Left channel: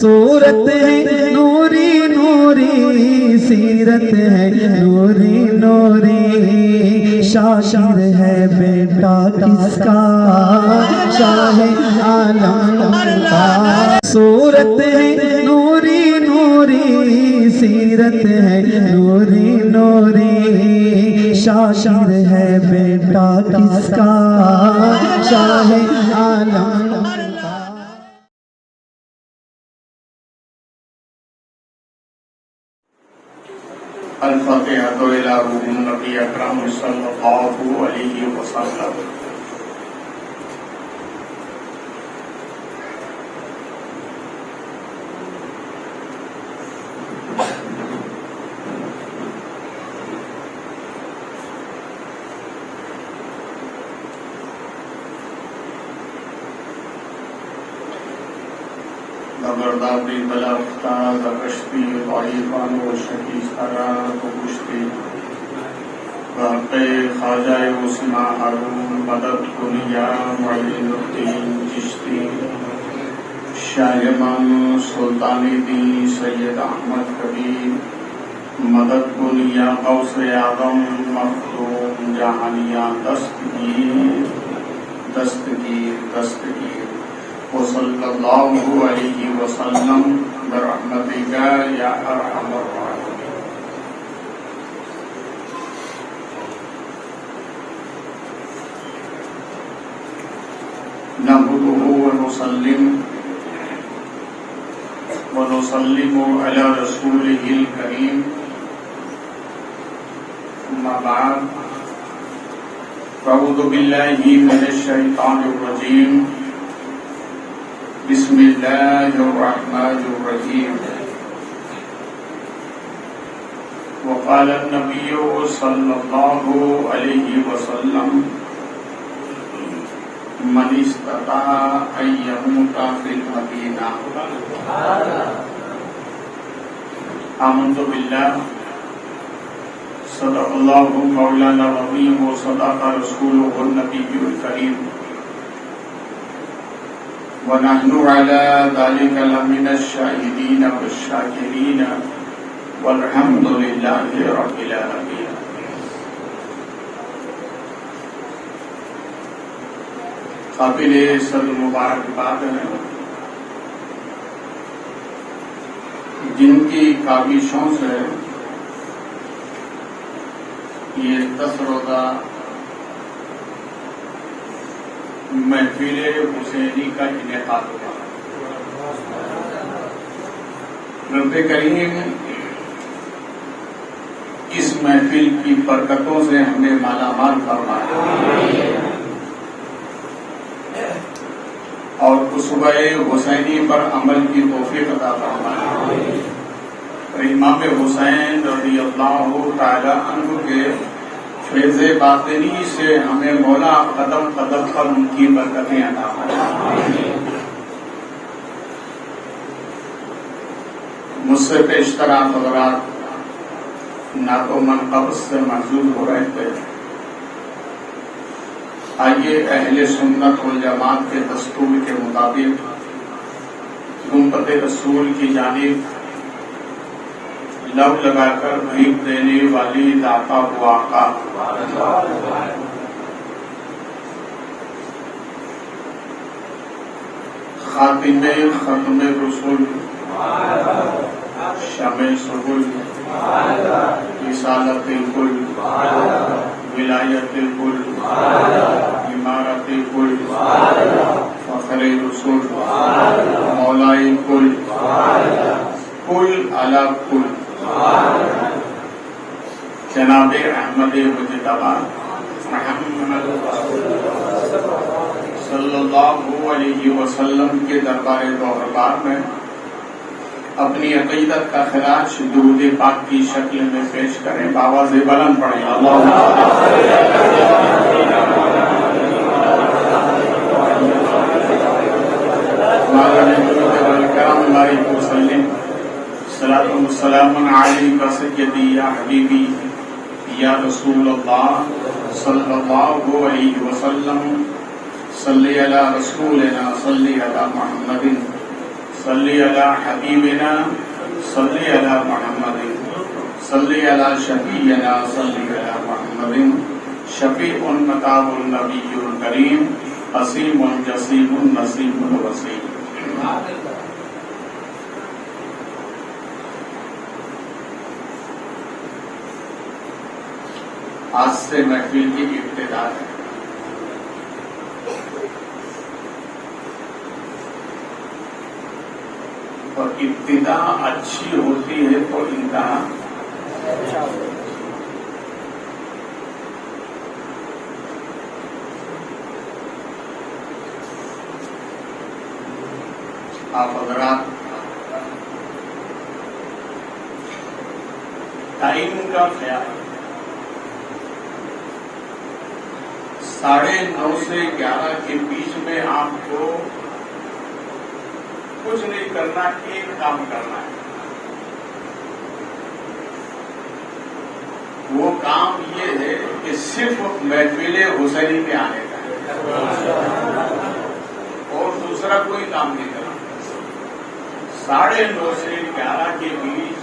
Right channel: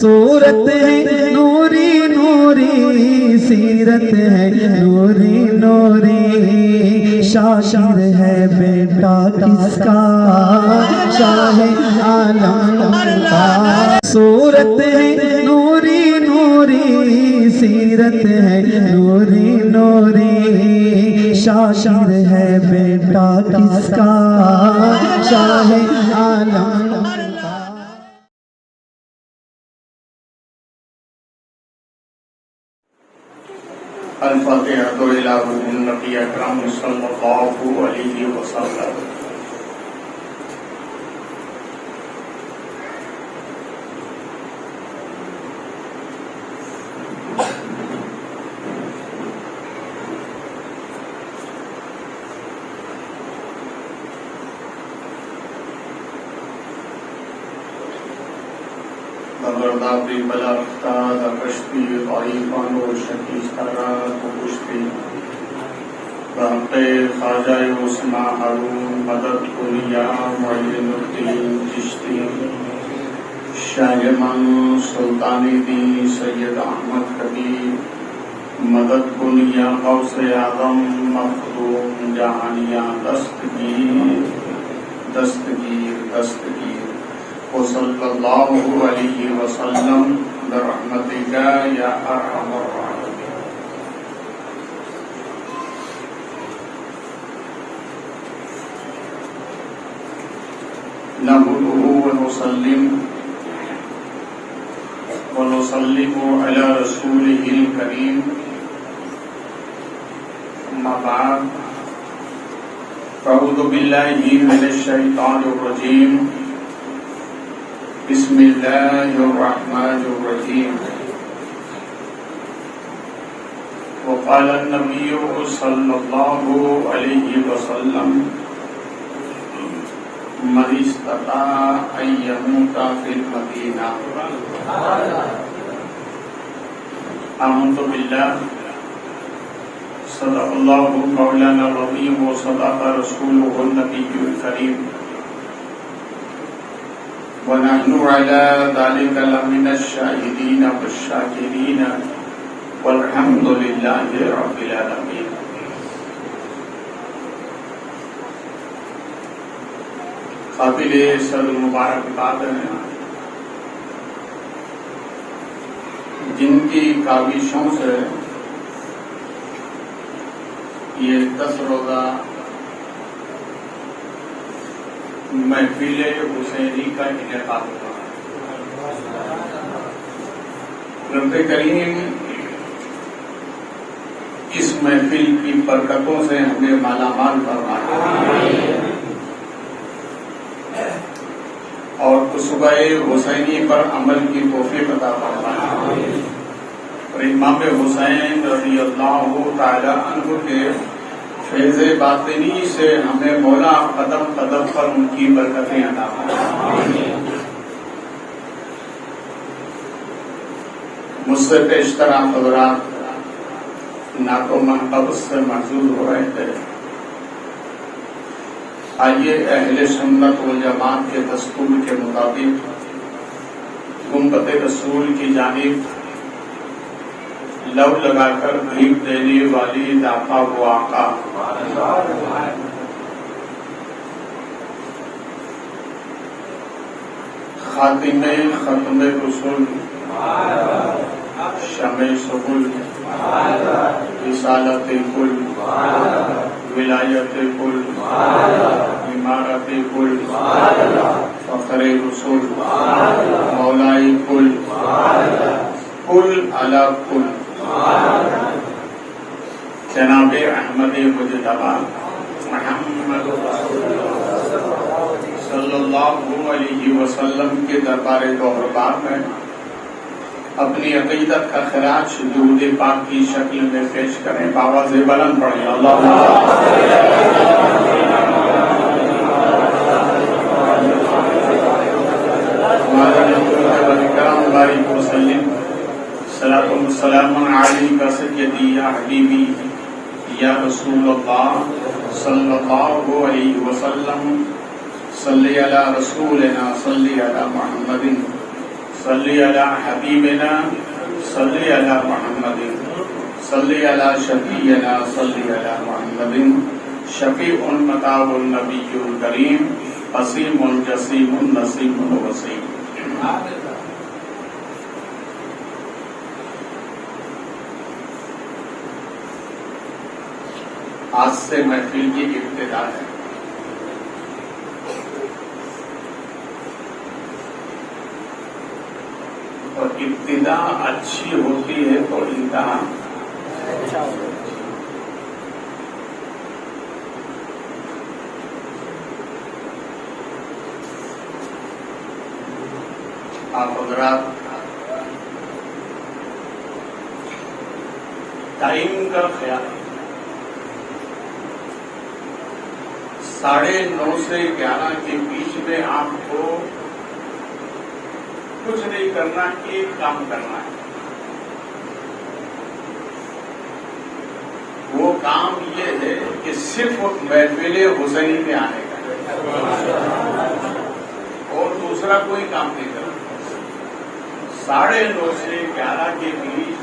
صورت ہے نوری نوری، سیرت ہے نوری نوری، شاعر ہے بیٹا کس کا، شاہ عالم کا۔ صورت ہے نوری نوری، سیرت ہے نوری نوری، شاعر ہے بیٹا کس کا، شاہ عالم کا۔ الفاتحة إلى روح النبي أكرم صلى الله عليه وسلم۔ نمبرداری بلافتا درشتی ضعیفان و شکی سرانہ کو کشتی، واقع خواجہ مسلمہ ہارون مدد کنیا معین الدین چشتی، شاہمان سلطانی دین سید احمد کبیر مدد کنیا غوث اعظم مخدوم جہانیہ دستگیر وصلی اللہ علیہ وسلم برحمتک یا ارحم الراحمین۔ نحمده ونسلم علی رسوله الکریم، اما بعد، اعوذ باللہ من الشیطان الرجیم، بسم اللہ الرحمن الرحیم۔ وقال النبی صلی اللہ علیہ وسلم، من استطاع ان يموت في المدینہ۔ آمنت باللہ، صدق اللہ مولانا العظیم وصدق رسولہ النبی الکریم، ونحن على ذلك لمن الشاهدين والشاكرين والحمد لله رب العالمين۔ قابل صد مبارکباد ہیں جن کی کاوشوں سے یہ 10 روزہ محفل حسینی کا انعقاد ہوا۔ رب کریم اس محفل کی برکتوں سے ہمیں مالا مال فرمائے اور خطبہ حسینی پر عمل کی توفیق عطا فرمائے۔ امام حسین رضی اللہ تعالی عنہ کے فیض باطنی سے ہمیں مولا قدم قدم پر ان کی برکتیں عطا فرمائے۔ مجھ سے پیشتر حضرات ناکو نقب سے محظوظ ہو رہے تھے، آئیے اہل سنت والجماعت کے دستور کے مطابق گنبد رسول کی جانب لو لگا کر بھیک دینے والی لاپا ہوا آقا خاتم ختم رسول شامل سبل رسالت الکل ولایت الکل عمارت الکل فخر رسول مولائے کل کل علی کل جناب احمد مجتبی محمد صلی اللہ علیہ وسلم کے دربار بہربار میں اپنی عقیدت کا خراج درود پاک کی شکل میں پیش کریں، آواز بلند پڑھیں السلام علیک سیدی یا حبیبی یا رسول اللہ صلی اللہ علیہ وسلم، صلی علی رسولنا صلی علی محمد صلی علی حبیبنا صلی علی محمد صلی علی شفیعنا صلی علی محمد شفیع مطاب النبی الکریم حسیم جسیم نسیم وسیم. آج سے محفل کی ابتدا ہے. اور ابتدا اچھی ہوتی ہے تو انتہا اچھا ہوتا ہے. آپ حضرات ٹائم کا خیال 9:30 سے 11 کے بیچ میں آپ کو کچھ نہیں کرنا، ایک کام کرنا ہے. وہ کام یہ ہے کہ صرف محفل حسینی میں آنے کا اور دوسرا کوئی کام نہیں کرنا. 9:30 سے 11 کے بیچ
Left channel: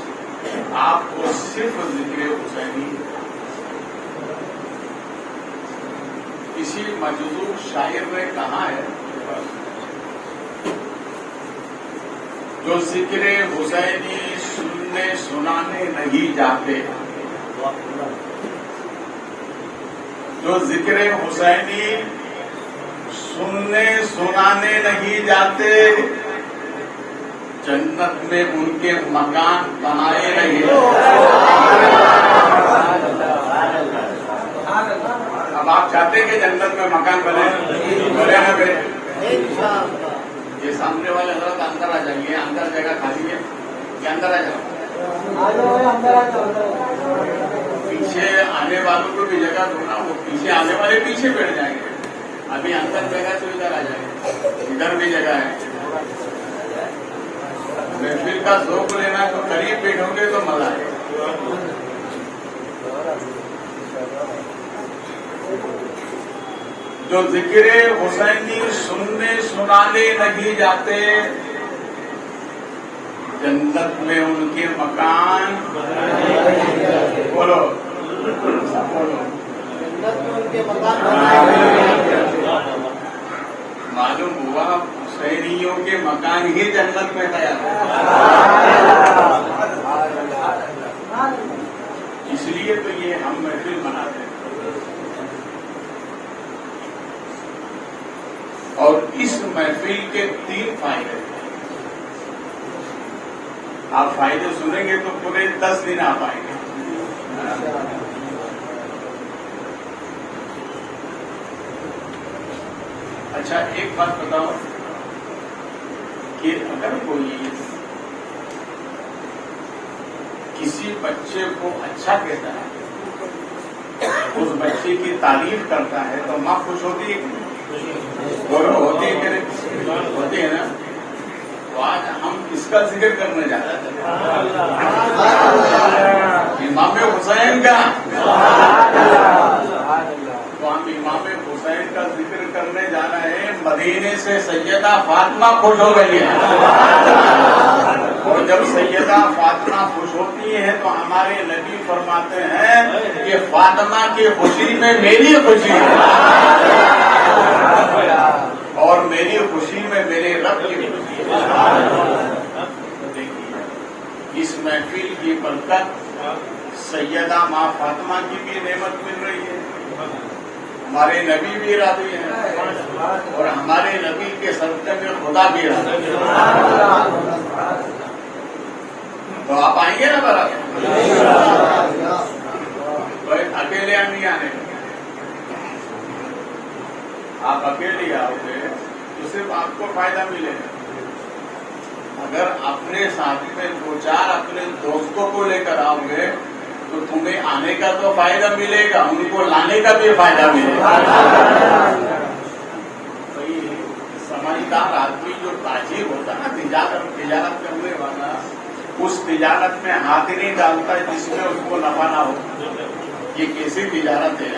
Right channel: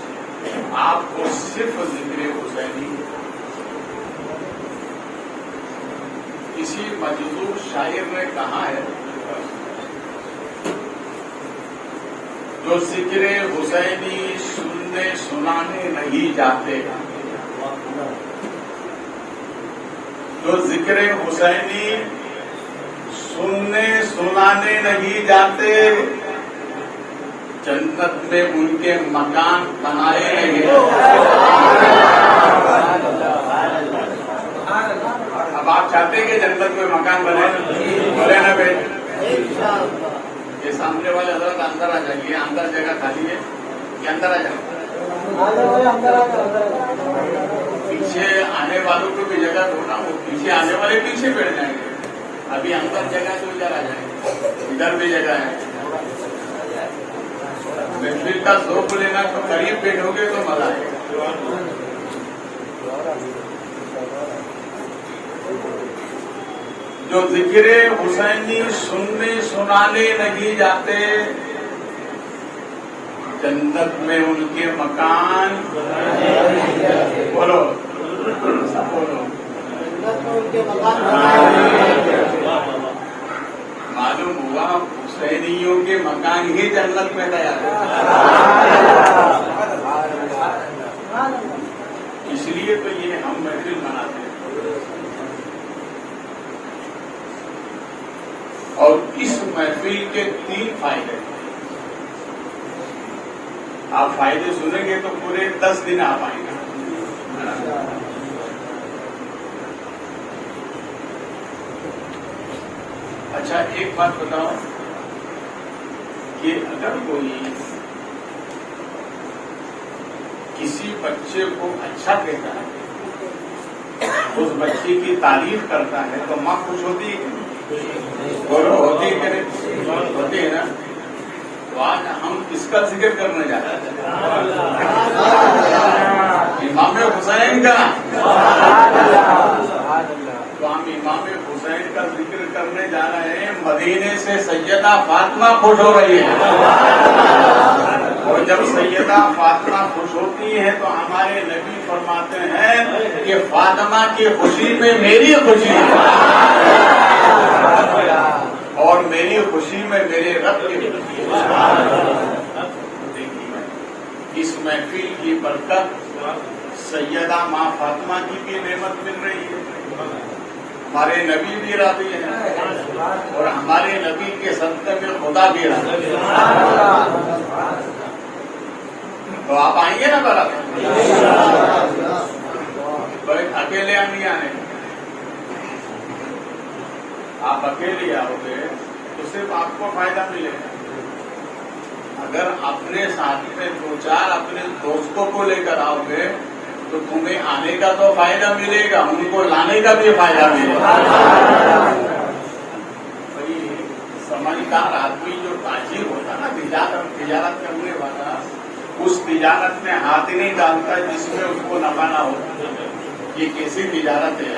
آپ کو صرف ذکر حسینی. کسی مجذوب شاعر نے کہا ہے جو ذکر حسینی سننے سنانے نہیں جاتے، جو ذکر حسینی سننے سنانے نہیں جاتے جنت میں ان کے مکان بنائے نہیں. اب آپ چاہتے ہیں کہ جنت میں مکان بنے؟ یہ سامنے والے حضرت اندر آ جائیں، اندر جگہ خالی ہے کہ اندر آ جائیں. پیچھے آنے والوں کو بھی جگہ ہونا، وہ پیچھے آنے والے پیچھے بیٹھ جائیں گے. ابھی اندر جگہ تو ادھر آ جائیں گے، ادھر بھی جگہ ہے. محفل کا ذوق لینا تو قریب بیٹھو گے تو مزہ ہے. جو ذکر حسینی سننے سنانے نہیں جاتے جنت میں ان کے مکان بولو معلوم ہوا حسینیوں کے مکان ہی جنت میں تیار ہے. اس لیے تو یہ ہم محفل مناتے ہیں. اور اس محفل کے 3 فائدے. آپ فائدے سنیں گے تو پورے 10 دن آپ آئیں گے. اچھا ایک بات بتاؤ کہ اگر کوئی کسی بچے کو اچھا کہتا ہے، اس بچے کی تعریف کرتا ہے تو ماں خوش ہوتی ہے بولو ہوتی ہے کہ نہیں؟ ہوتی ہے نا. تو آج ہم کس کا ذکر کرنے جا رہے ہیں؟ امام حسین کا. تو ہم امام حسین کا ذکر کرنے جا رہے ہیں. مدینے سے سیدہ فاطمہ خوش ہو گئی ہے، اور جب سیدہ فاطمہ خوش ہوتی ہے تو ہمارے نبی فرماتے ہیں کہ فاطمہ کی خوشی میں میری خوشی ہے اور میری خوشی میں میرے رب کی خوشی ہے. اس محفل کی برکت سیدہ ماں فاطمہ کی بھی نعمت مل رہی ہے. ہمارے نبی بھی راضی ہیں اور ہمارے نبی کے صدقے میں خدا بھی راضی ہے. تو آپ آئیے نا برابر. اکیلے ہم نہیں آنے، آپ اکیلے آؤ گے تو صرف آپ کو فائدہ ملے گا. اگر اپنے ساتھ میں 2-4 اپنے دوستوں کو لے کر آؤ گے تو تمہیں آنے کا تو فائدہ ملے گا، ان کو لانے کا بھی فائدہ ملے گا. کوئی سمجھدار آدمی جو تاجر ہوتا نا، تجارت کرنے والا، اس تجارت میں ہاتھ نہیں ڈالتا جس میں اس کو نفع نہ ہو. یہ کیسی تجارت ہے؟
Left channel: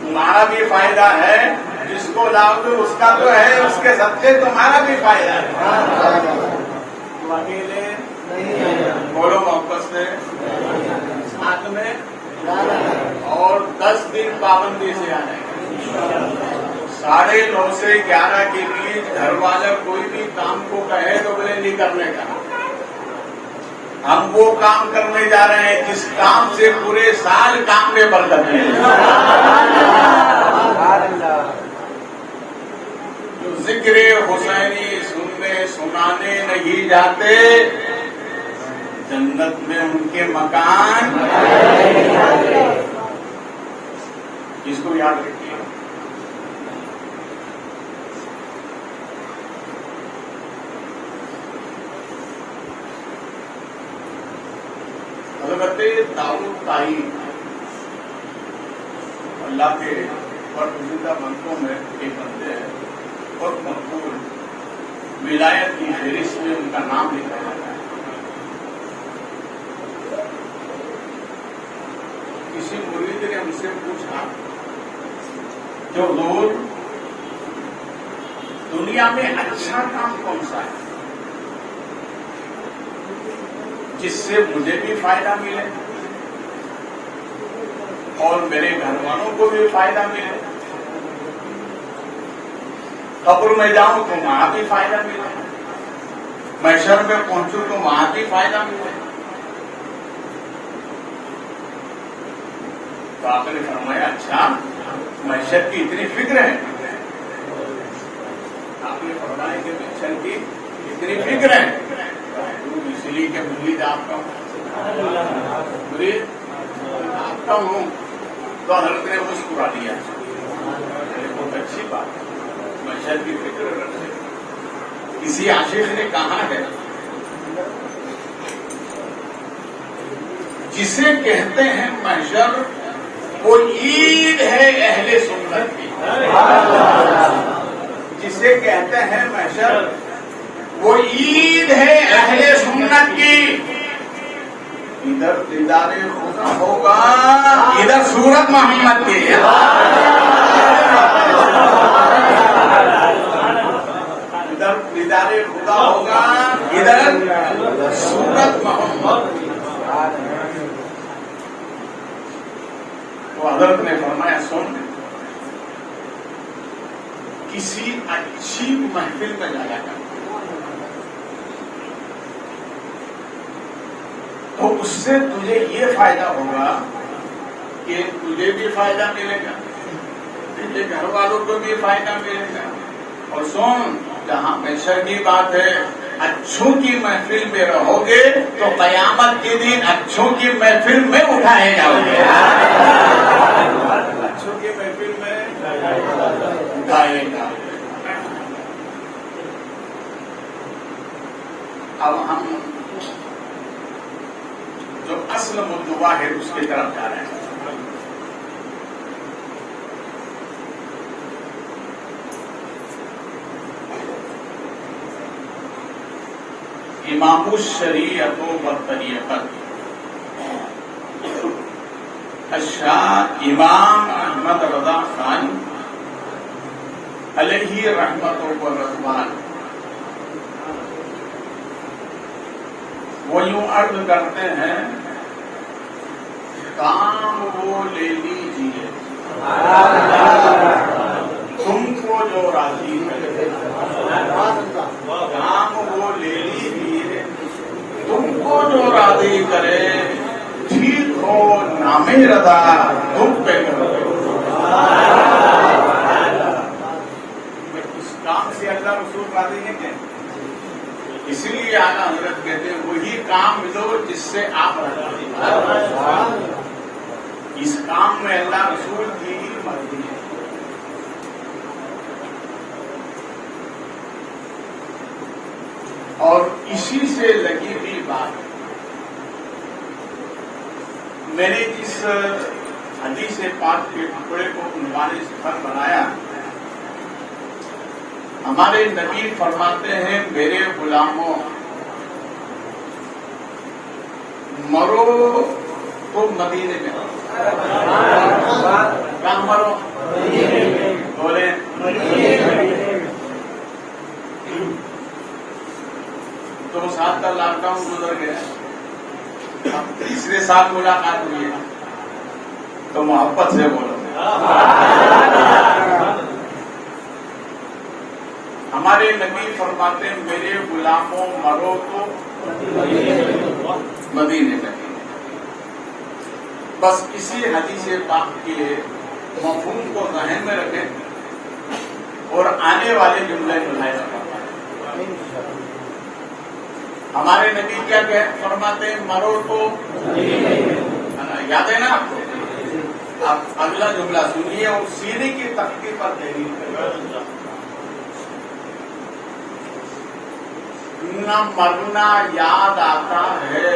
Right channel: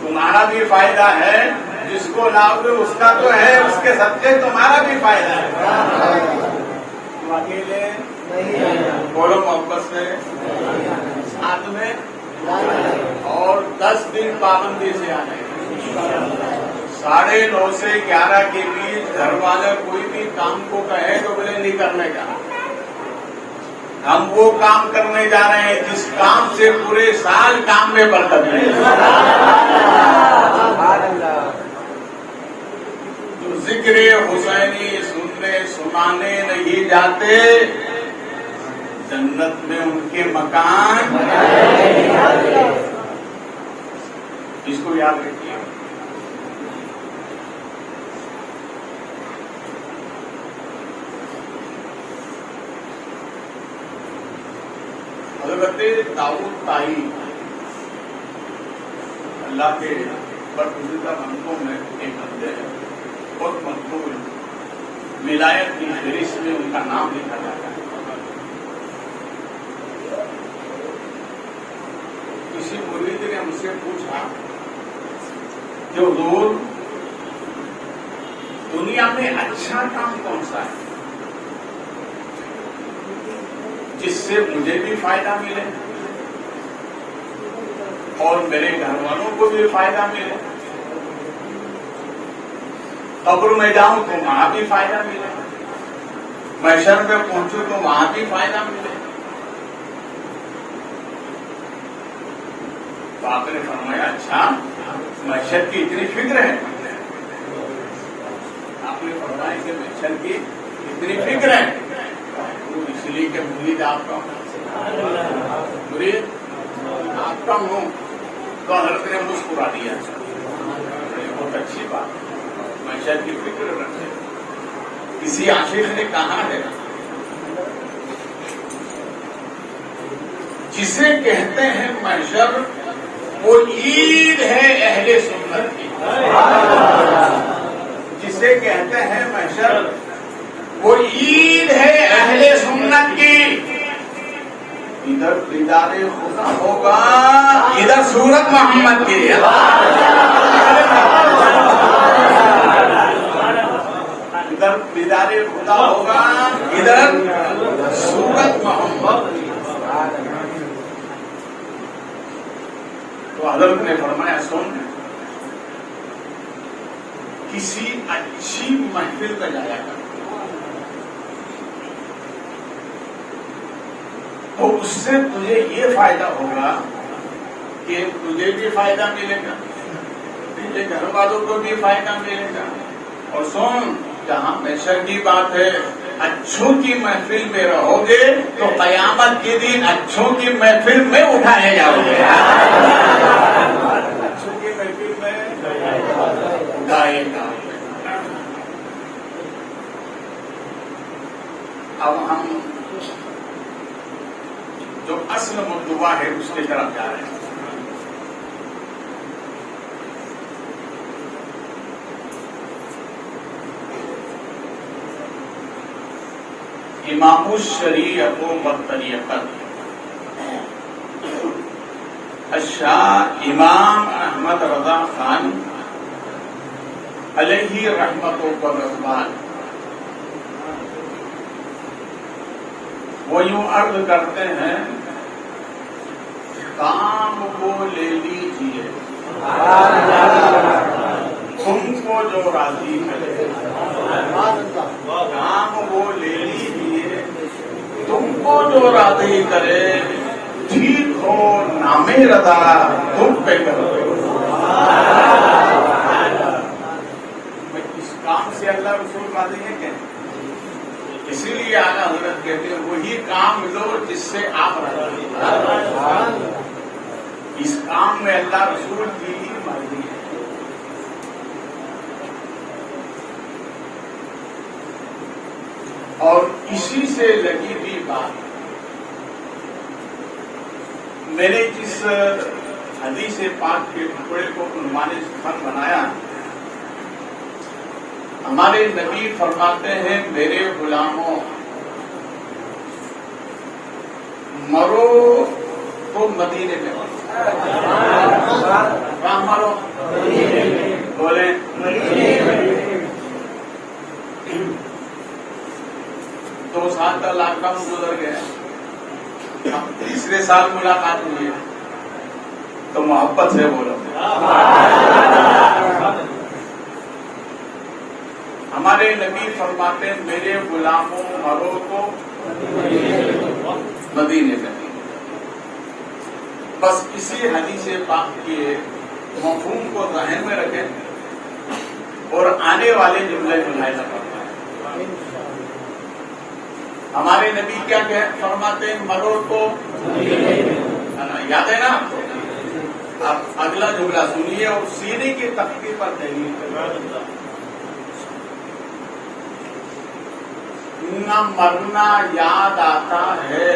تمہارا بھی فائدہ ہے جس کو لاؤ گے اس کا تو ہے، اس کے صدقے تمہارا بھی فائدہ ہے. تم اکیلے بولو محبت سے ساتھ میں، اور 10 دن پابندی سے آ جائیں گے. 9:30 سے 11 کے بیچ گھر والا کوئی بھی کام کو کہے تو بولے نہیں کرنے کا. ہم وہ کام کرنے جا رہے ہیں جس کام سے پورے سال کام میں برکت ہے. جو ذکر حسینی سنانے نہیں جاتے جنت میں ان کے مکان. اس کو یاد رکھیے. حضرت داؤد طائی اللہ کے برگزیدہ بندوں میں ایک بندے ہیں، بہت مقبول ولایت کی فہرست میں ان کا نام لکھا جاتا ہے. کسی مرید نے مجھ سے پوچھا کہ حضور دنیا میں اچھا کام کون سا ہے جس سے مجھے بھی فائدہ ملے اور میرے گھر والوں کو بھی فائدہ ملے، قبر میں جاؤں تو وہاں بھی فائدہ ملے، محشر میں پہنچوں تو وہاں بھی فائدہ ملے. تو آپ نے فرمایا اچھا محشر کی اتنی فکر ہے. آپ نے فرمایا کہ محشر کی اتنی فکر ہے، اس لیے کہ مرید آپ کا ہوں تو حضرت نے مسکرا دیا. بہت اچھی بات، محشر کی فکر رکھتے. کسی عاشق نے کہا ہے جسے کہتے ہیں محشر وہ عید ہے اہل سنت کی. جسے کہتے ہیں محشر وہ عید ہے اہل سنت کی. ادھر دیدار خدا ہوگا، ادھر صورت محمد کی. ادھر دیدار خدا ہوگا، ادھر صورت محمد کی. تو حضرت نے فرمایا سن، کسی اچھی محفل میں جایا کر تو اس سے تجھے یہ فائدہ ہوگا کہ تجھے بھی فائدہ ملے گا، تجھے گھر والوں کو بھی فائدہ ملے گا. اور سن، جہاں محشر کی بات ہے، اچھوں کی محفل میں رہو گے تو قیامت کے دن اچھوں کی محفل میں اٹھائے جاؤ گے. اچھوں کی محفل میں اٹھائے جاؤ گے. اب ہم جو اصل مطلوبہ ہے اس کی طرف جا رہے ہیں. امام الشریعت والطریقت الشاہ امام احمد رضا خان علیہ رحمت و رضوان وہ یوں عرض کرتے ہیں، کام وہ لے لیجیے تم کو جو راضی ہے، کام وہ لے لیجیے تم کو جو راضی کرے، ٹھیک ہو نام رضا تم پہ کرو. اس کام سے اللہ رسول راضی ہے کیا؟ اسی لیے اعلیٰ حضرت کہتے ہیں وہی کام لو جس سے آپ راضی ہیں. اس کام میں اللہ رسول کی ہی مرضی ہے. اور اسی سے لگی ہوئی بات میں نے جس حدیث پاک کے ٹکڑے کو عنوان سفر بنایا. ہمارے نبی فرماتے ہیں میرے غلاموں مرو تو مدینے میں، مرو بولے 2 سال کا لاک ڈاؤن گزر گیا، تیسرے سال ملاقات ہوئی ہے تو محبت سے بولو. ہمارے نبی فرماتے ہیں میرے غلاموں مرو تو مدینے میں. بس اسی حدیث پاک کے مفہوم کو ذہن میں رکھیں اور آنے والے جملے بنائے. ہمارے نبی کیا فرماتے ہیں؟ مرو تو یاد ہے نا. آپ اگلا جملہ سنیے اور سینے کی تختی پر تحریر کریں. نہ مرنا یاد آتا ہے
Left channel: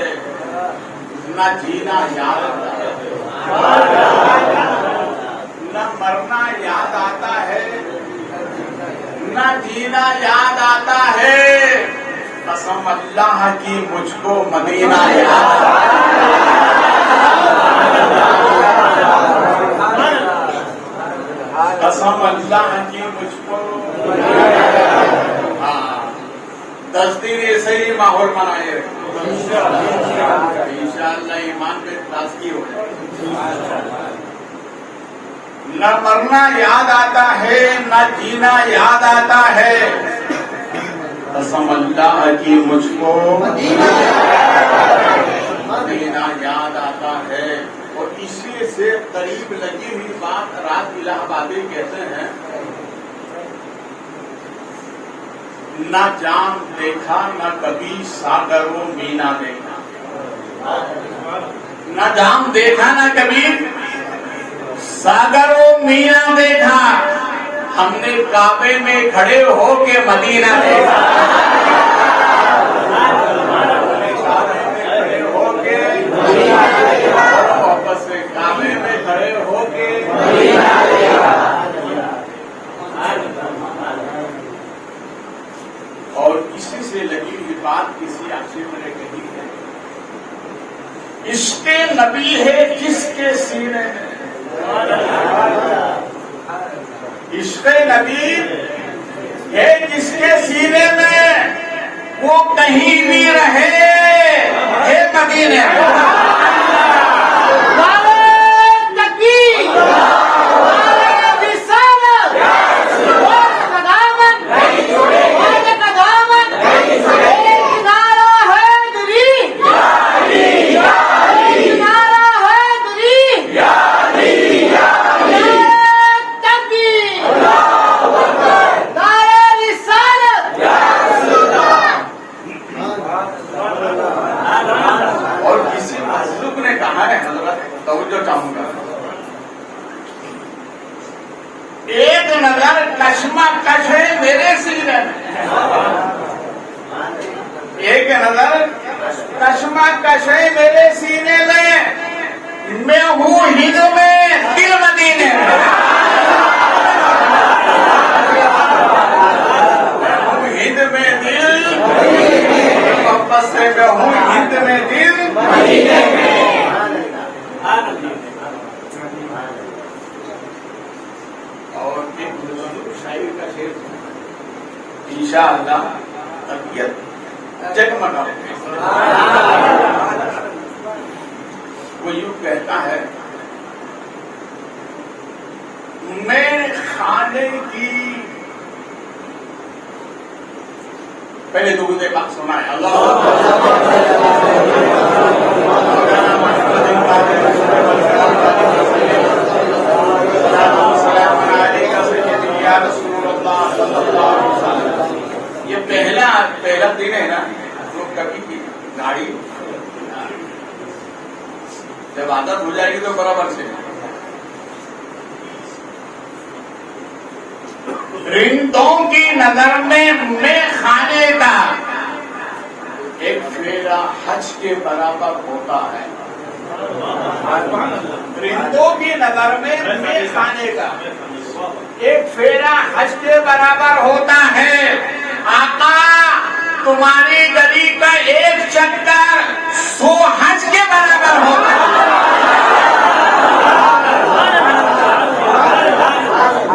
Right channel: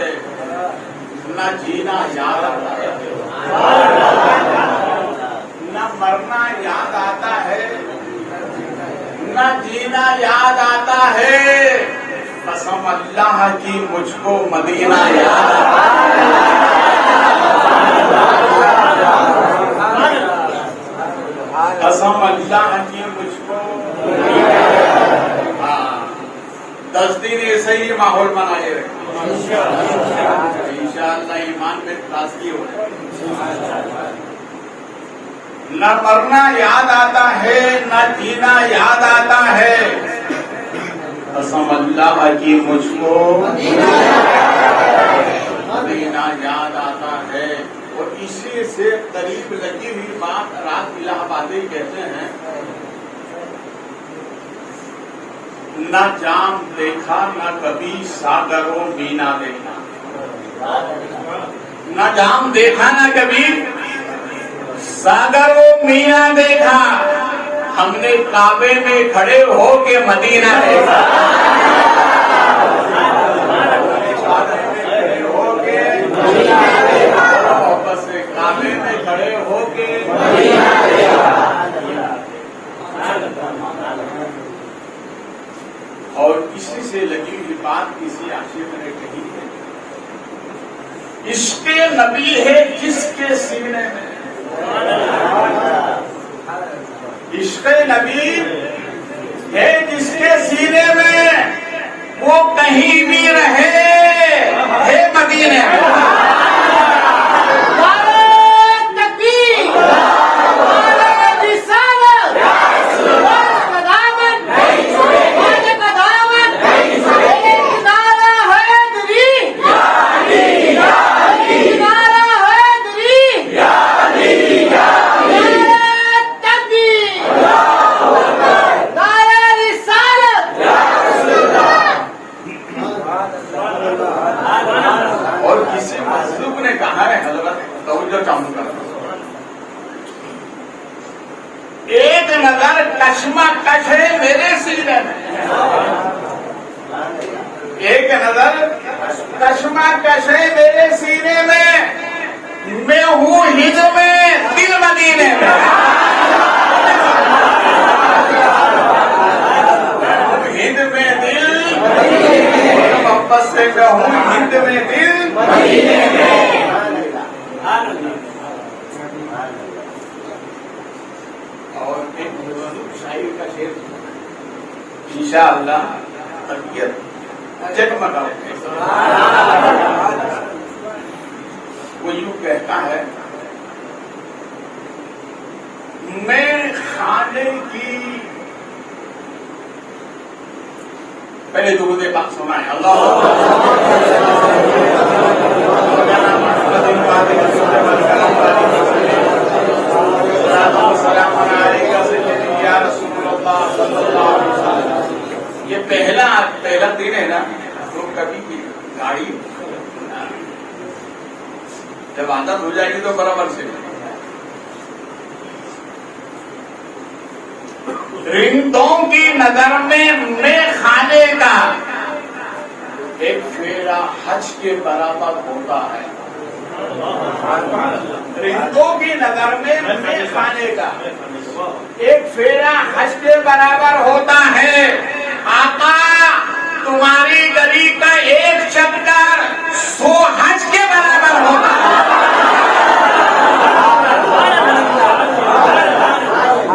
نہ جینا یاد آتا ہے. نہ مرنا یاد آتا ہے نہ جینا یاد آتا ہے. قسم اللہ کی مجھ کو مدینہ یاد قسم اللہ کی مجھ کو. 10 دن ایسے ہی ماحول بنائے رکھیں انشاءاللہ ایمان میں تازگی ہو جائے. نہ مرنا یاد آتا ہے نہ جینا یاد آتا ہے. قسم اللہ کی مجھ کو مدینہ یاد آتا ہے. اور اسی سے قریب لگی ہوئی بات رات الہ آبادی کہتے ہیں نہ جام دیکھا نہ کبھی ساگروں مینا دیکھا. نہ جام دیکھا نہ کبھی ساگروں مینا دیکھا. ہم نے کعبے میں کھڑے ہو کے مدینہ دیکھا. کعبے میں کھڑے ہو کے بس کعبے میں کھڑے ہو کے اور کسی سے لگی ہوئی بات کسی آنکھیں میں نے کہی ہے. عشق نبی ہے جس کے سینے میں. عشق نبی ہے جس کے سینے میں وہ کہیں بھی رہے ہے مدینے میں. ایک نظر کشمکش ہے میرے سینے میں. ایک نظر کشمکش ہے میرے سینے میں ہوں ہند میں دل مدینے میں. ہند میں دل محبت سے کہوں ہند میں دل مدینے میں. انشاءاللہ طبیعت جگمگاؤ. وہ یوں کہتا ہے میں کھانے کی پہلے درود پاک سنائیں. یہ پہلا دن ہے نا کبھی بھی گاڑی جب عادت ہو جائے گی تو برابر سے. رندوں کی نظر میں کھانے کا ایک پھیرا حج کے برابر ہوتا ہے. رندوں کی نظر میں کھانے کا ایک پھیرا حج کے برابر ہوتا ہے. آقا تمہاری گلی کا ایک چکر 100 حج کے برابر ہوتا ہے.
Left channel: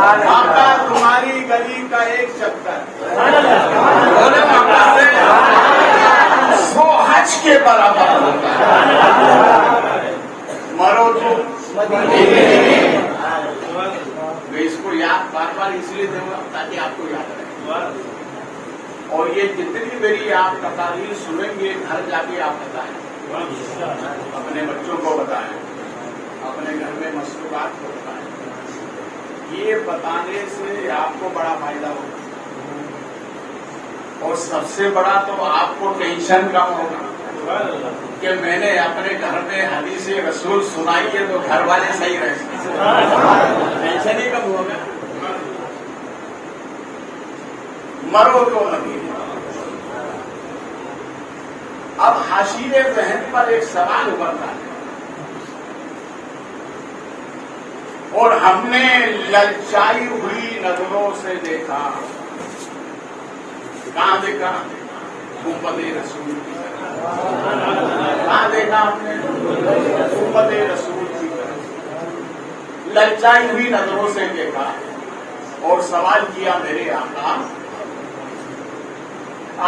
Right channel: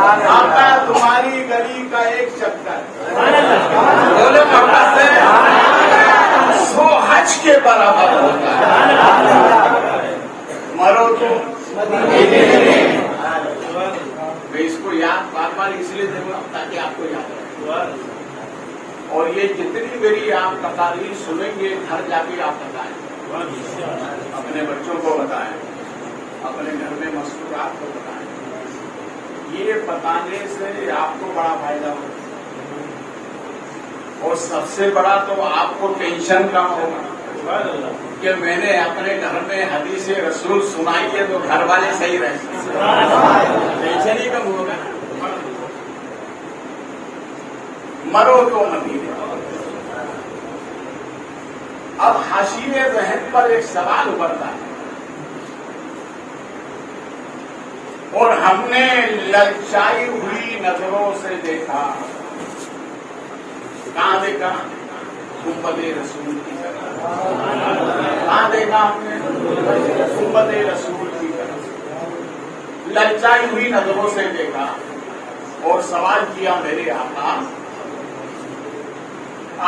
آقا تمہاری گلی کا ایک چکر بولے محبت سے کے برابر ہوگا. مرو تو میں اس کو یاد بار بار اس لیے دوں گا تاکہ آپ کو یاد رہے. اور یہ جتنی میری آپ تقاریر سنیں گے گھر جا کے آپ بتائیں, اپنے بچوں کو بتائیں, اپنے گھر میں مصروفات کو بتائیں. یہ بتانے سے آپ کو بڑا فائدہ ہوگا اور سب سے بڑا تو آپ کو ٹینشن کم ہوگا کہ میں نے اپنے گھر میں حدیث رسول سنائی ہے تو گھر والے صحیح رہیں. ٹینشن ہی کم ہوگا. مرو تو مدینے. اب حاشیے ذہن پر ایک سوال ابھرتا ہے اور ہم نے للچائی ہوئی نظروں سے دیکھا. کہاں دیکھا؟ امت رسول کی طرف. کہاں دیکھا ہم نے؟ امت رسول کی طرف للچائی ہوئی نظروں سے دیکھا اور سوال کیا میرے آقا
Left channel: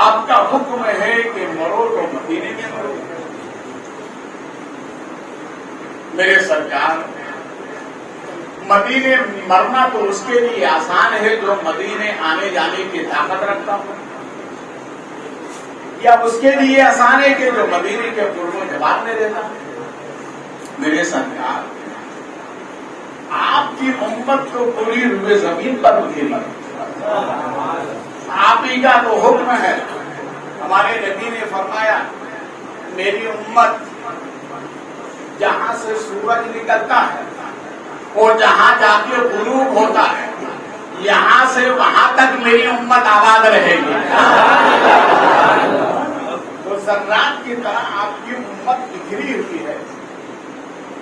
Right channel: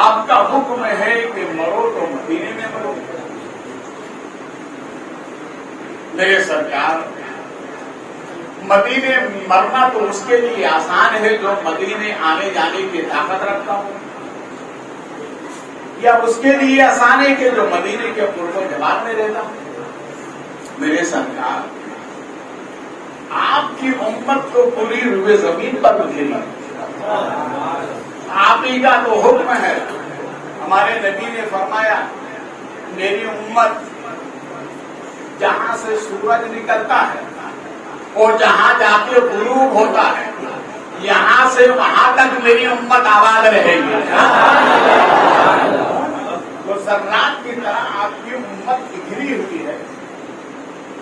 آپ کا حکم ہے کہ مرو تو مدینے میں مرو. میرے سرکار مدینے مرنا تو اس کے لیے آسان ہے جو مدینے آنے جانے کی طاقت رکھتا ہو, یا اس کے لیے آسان ہے کہ جو مدینے کے پورے جواب میں رہتا ہوں. میرے سرکار آپ کی امت کو پوری روئے زمین پر اترنا آپ ہی کا تو حکم ہے. ہمارے نبی نے فرمایا میری امت جہاں سے سورج نکلتا ہے اور جہاں جا کے غروب ہوتا ہے یہاں سے وہاں تک میری امت آباد رہے گی. تو ذرات کی طرح آپ کی امت بکھری ہوئی ہے.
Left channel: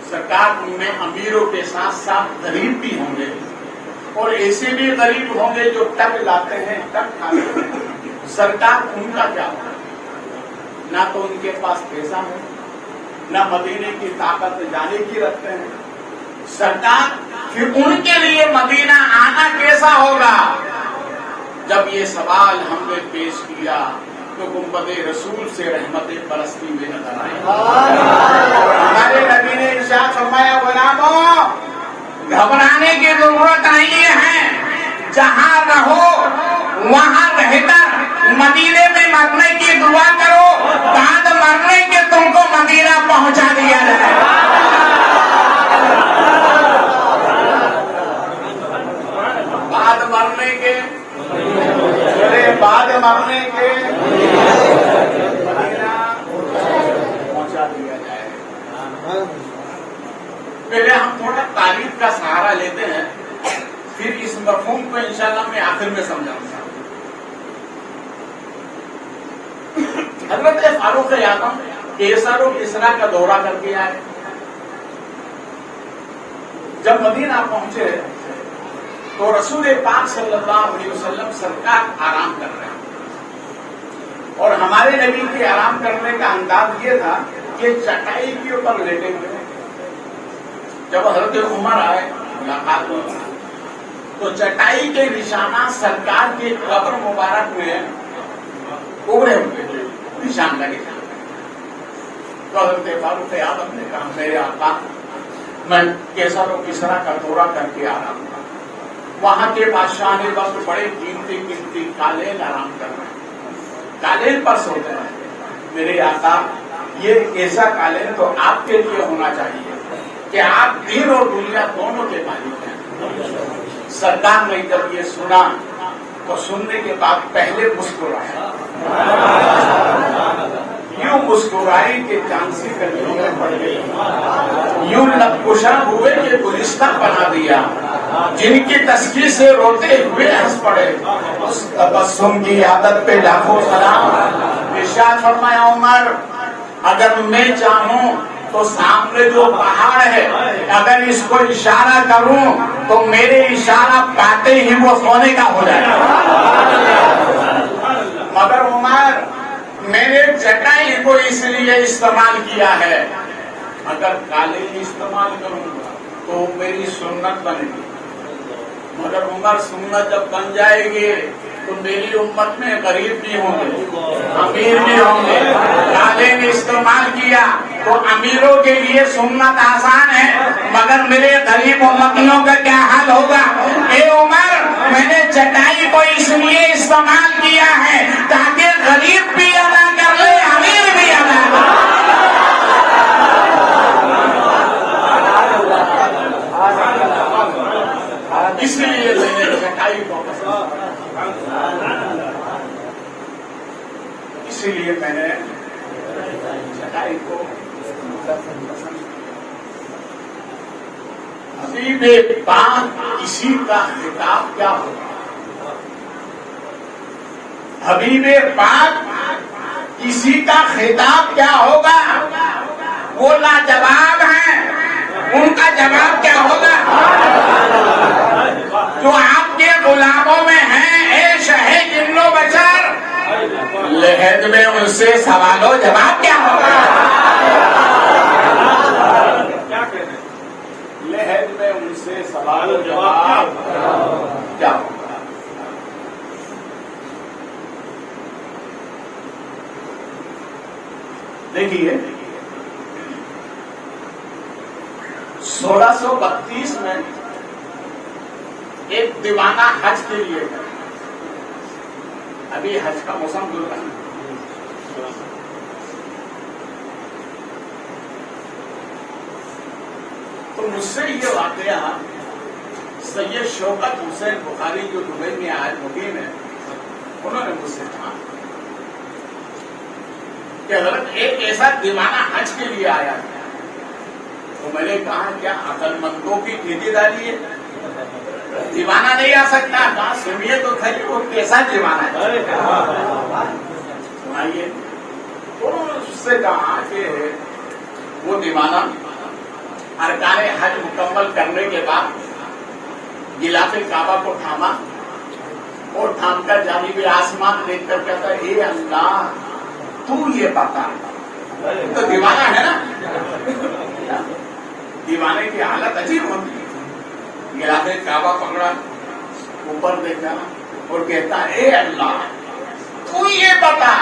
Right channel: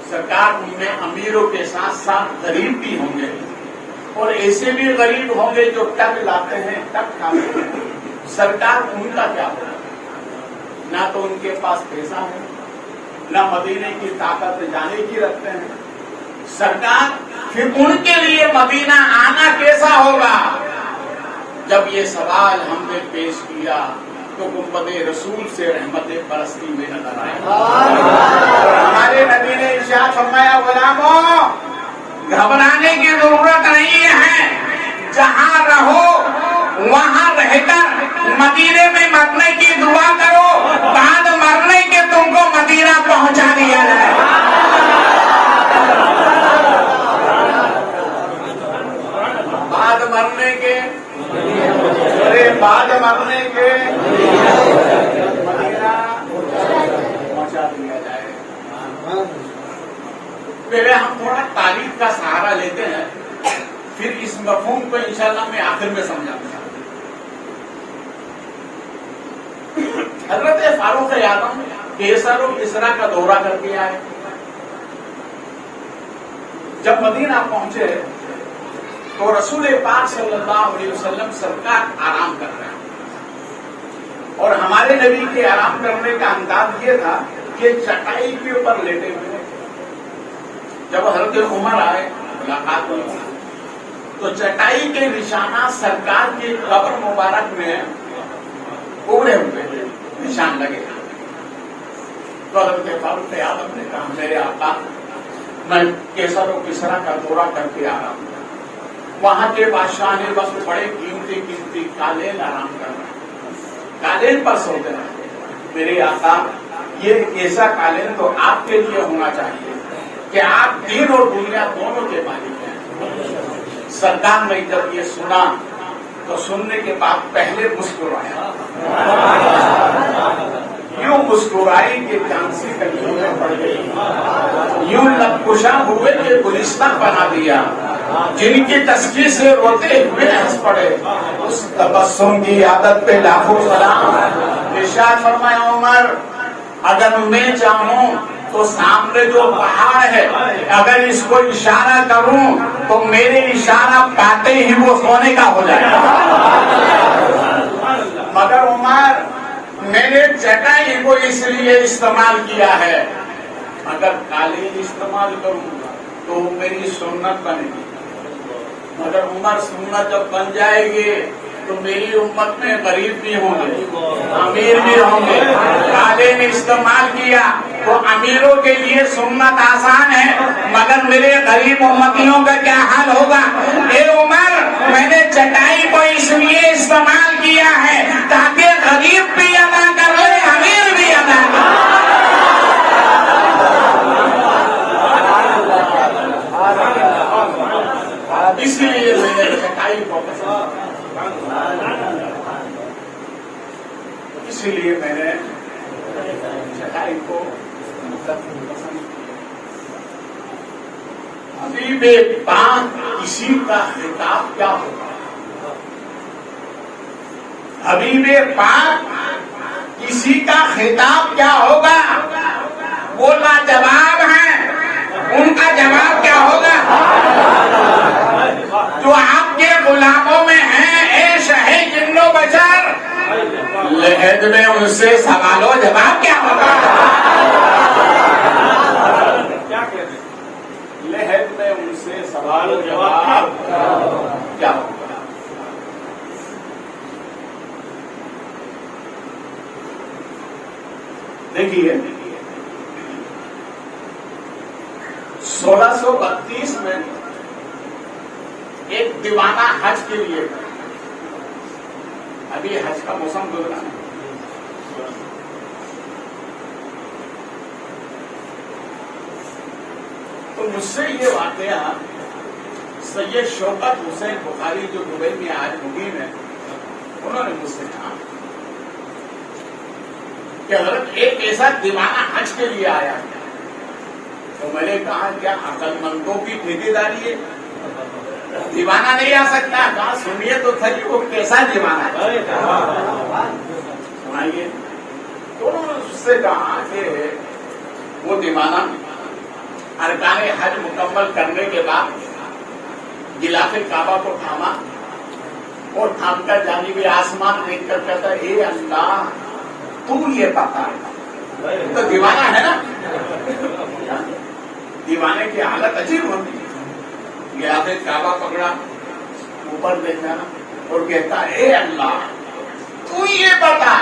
سرکار میں امیروں کے ساتھ ساتھ غریب بھی ہوں گے اور ایسے بھی غریب ہوں گے جو ٹک لاتے ہیں ٹک کھاتے ہیں. سرکار ان کا کیا ہوگا؟ نہ تو ان کے پاس پیسہ ہے نہ مدینے کی طاقت جانے کی رکھتے ہیں. سرکار پھر ان کے لیے مدینہ آنا کیسا ہوگا؟ جب یہ سوال ہم نے پیش کیا تو گنبد رسول سے رحمت برستی ہوئے نظر آئی. ہمارے نبی نے ارشاد فرمایا غلاموں گھبرانے کی ضرورت نہیں ہے, جہاں رہو وہاں رہ کر مدینے میں مرنے کی دعا کرو, بعد مرنے کے تم کو مدینہ پہنچا دیا جائے. بعد مرنے کے بعد مرنے کے مدینہ پہنچا دیا جائے. پہلے ہم تھوڑا تعریف کا سہارا لیتے ہیں پھر اس مفہوم کو انشاءاللہ میں آخر میں سمجھاؤں گا. حضرت فاروق اعظم کیسر و کسرا کا دورہ کر کے آئے. جب مدینہ پہنچے تو رسول پاک صلی اللہ علیہ وسلم سرکار آرام کر رہے ہیں اور ہمارے نبی کے آرام کرنے کا انداز یہ تھا کہ چٹائی کے اوپر لیٹے ہوئے. جب حضرت عمر آئے ملاقات ہوئی تو چٹائی کے نشانات سرکار کی قبر مبارک میں اڑے ہوئے تھے, نشان لگے تھے. تو حضرت فاروق اعظم نے کہا میرے آقا میں کیسر و کسرا کا دورہ کر کے آ رہا ہوں, وہاں کے بادشاہ نے وقت بڑے قیمتی قالین آرام کر رہے ہیں, قالین پر سوتے ہیں. میرے آقا یہ ایسا قالین تو آپ کے لیے ہونا چاہیے کہ آپ دین اور دنیا دونوں کے مالک ہیں. سرکار نے جب یہ سنا تو سننے کے بعد پہلے مسکرایا, یوں مسکرائی کہ جانسی کنجویں پڑ گئی, یوں لب کشاں ہوئے کہ گلستہ بنا دیا, جن کی تسکین سے روتے ہوئے ہنس پڑے. اس تبسم کی عادت پہ لاکھوں سلام. ارشاد فرمایا عمر اگر میں چاہوں تو سامنے جو پہاڑ ہے اگر اس کو اشارہ کروں تو میرے اشارہ پاتے ہی وہ سونے کا ہو جائے گا. مگر عمر میں نے چٹائی کو اس لیے استعمال کیا ہے, اگر قالین استعمال کروں تو میری سنت بنے گی. مگر عمر سنت جب بن جائے گی تو میری امت میں غریب بھی ہوں گے, امیر بھی ہوں گے. قالین کیا تو امیروں کے لیے سنت آسان ہے، مگر میرے غریب امتیوں کا کیا حال ہوگا؟ اے عمر، میں نے چٹائی کو اس لیے استعمال کیا ہے تاکہ غریب بھی ادا کر لے، امیر بھی ادا کر لے۔ اس لیے میں نے چٹائی کو اسی لیے میں نے چٹائی کو حبیب پاک کسی کا خطاب کیا ہوگا؟ حبیب پاک کسی کا خطاب کیا ہوگا؟ وہ لاجواب ہیں، ان کا جواب کیا ہوگا؟ جو آپ کے غلاموں میں ہیں، اے شہ جن و بشر، لحد میں ان سے سوال و جواب کیا ہوگا؟ لحد میں ان سے سوال و جواب کیا ہوگا؟ دیکھیے 1632 میں ایک دیوانہ حج کے لیے، ابھی حج کا موسم جو تھا، تو مجھ سے یہ واقعہ سید شوکت حسین بخاری جو دبئی میں آج مقیم ہے، انہوں نے مجھ سے کہا کہ حضرت ایک ایسا دیوانہ حج کے لیے آیا ہے، تو میں نے کہا کیا عقل مندوں کی ٹھیکے داری ہے؟ دیوانہ نہیں آ سکتا؟ کہا سنیے تو تھا کہ وہ کیسا دیوانہ ہے، سنائیے۔ تو اس سے کہا کہ وہ دیوانہ ارکان حج مکمل کرنے کے بعد غلاف کعبہ کو تھاما اور تھام کر جانب آسمان دیکھ کر کہتا اے اللہ تو یہ پتا ہے، تو دیوانہ ہے نا، دیوانے کی حالت عجیب ہوتی ہے۔ غلاف کعبہ پکڑا، اوپر دیکھا اور کہتا اے اللہ تو یہ بتا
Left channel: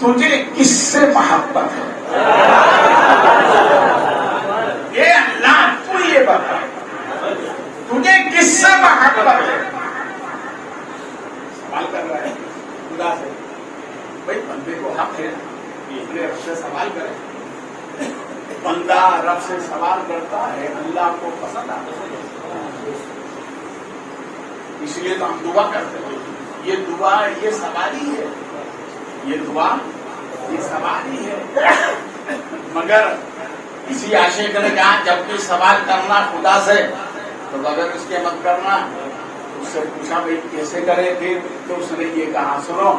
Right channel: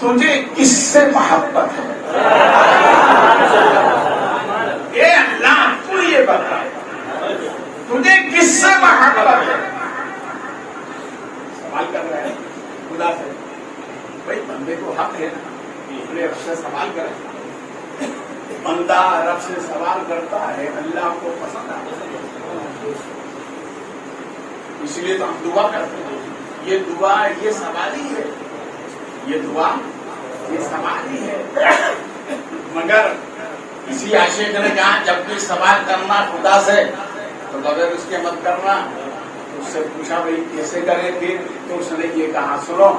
تجھے کس سے محبت ہے؟ اے اللہ تو یہ بتا تجھے کس سے محبت ہے؟ سوال کر رہا ہے خدا سے، بھائی بندے کو حق ہے اپنے رب سے سوال کر، بندہ رب سے سوال کرتا ہے، اللہ کو پسند آتا ہے، اس لیے تو ہم دعا کرتے ہیں۔ یہ دعا یہ سوال ہی ہے، یہ دعا یہ سوال ہی ہے، مگر کسی عاشق نے کہا جب بھی سوال کرنا خدا سے تو بغیر اس کے مت کرنا۔ اس سے پوچھا بھائی کیسے کرے پھر؟ تو اس نے یہ کہا سنو،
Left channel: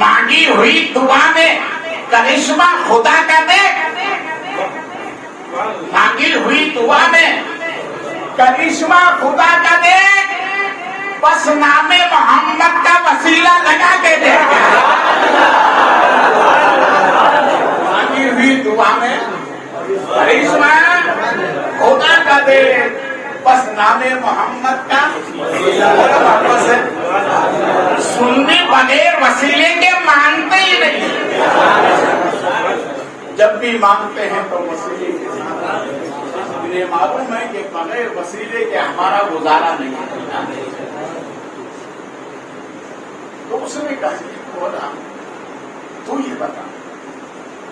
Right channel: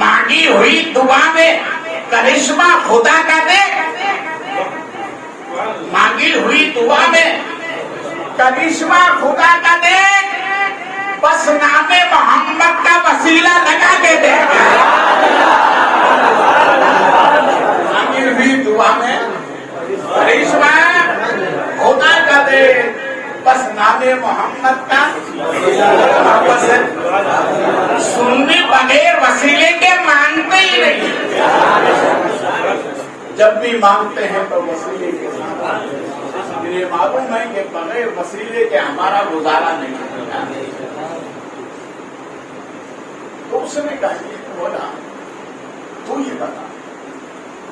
مانگی ہوئی دعا میں کرشمہ خدا کا دے، مانگی ہوئی دعا میں کرشمہ خدا کا دے، بس نام محمد کا وسیلہ لگا کے دے۔ مانگی ہوئی دعا میں کرشمہ خدا کا دے، بس نام محمد کا سننے بغیر وسیلے کے مانگتے ہی نہیں، جب بھی مانگتے ہیں تو وسیلے کے ساتھ۔ یہ معلوم ہے کہ بغیر وسیلے کے ہمارا گزارا نہیں کرتا۔ تو اس نے کہا بولا تو یہ بتا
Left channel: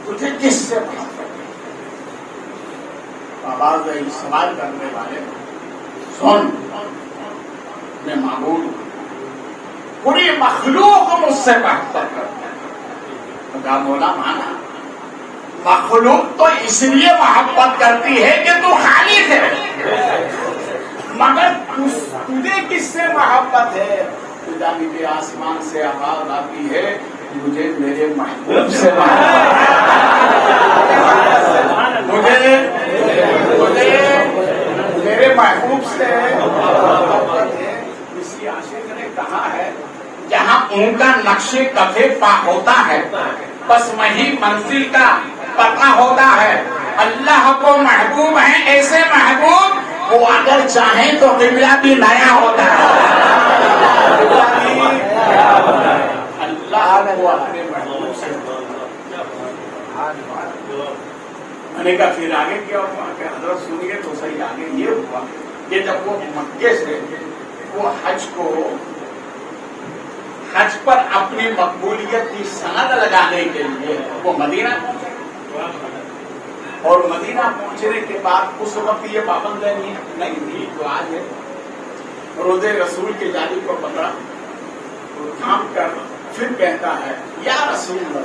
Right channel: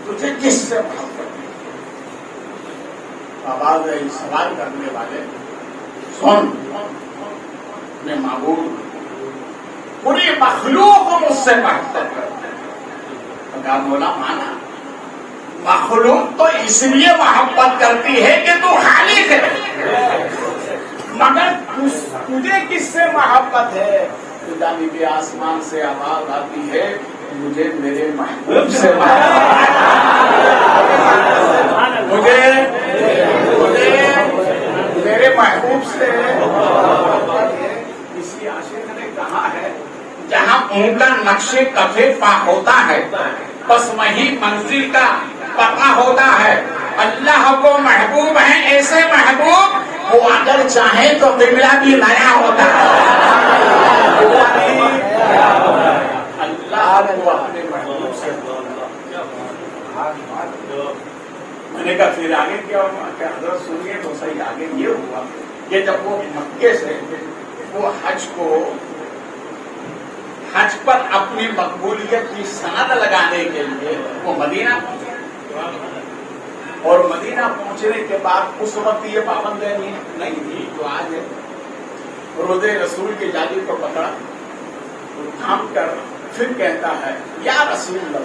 تجھے کس سے محبت ہے؟ آواز آئی سوال کرنے والے، سن میں معبود پوری مخلوق مجھ سے محبت کرتا ہے۔ کہا بولا مانا مخلوق تو اس لیے محبت کرتی ہے کہ تو خالق ہے، مگر تجھے کس سے محبت ہے؟ جانب آسمان سے آواز آتی ہے مجھے میرے محبوب سے محبت ہے، مجھے میرے محبوب سے محبت ہے۔ اسی عاشق نے کہا ہے جہاں ان کا نقش کفے پا ہوتا ہے بس وہی منزل کا پتا ہوتا ہے۔ اللہ کو محبوب ہیں ایسے محبوب وہ اگر چاہیں تو قبلہ بھی نیا ہوتا ہے۔ اللہ وہ اپنے محبوب سے میں نے کہا پھر آگے کیا ہوا کہ حضرت سنیے تو صحیح آگے یہ ہوا کہ جب وہ مکے سے وہ حج پر اپنی مقبولیت کی سند لگانے کے لیے وہ مدینہ پہنچے اور مدینہ پہنچنے کے بعد اس وقت یہ پابندی نہیں تھی جو آج ہے. روزے رسول کے جادو کو پکڑا تھام کر پھر کہتا ہے یا رسول اللہ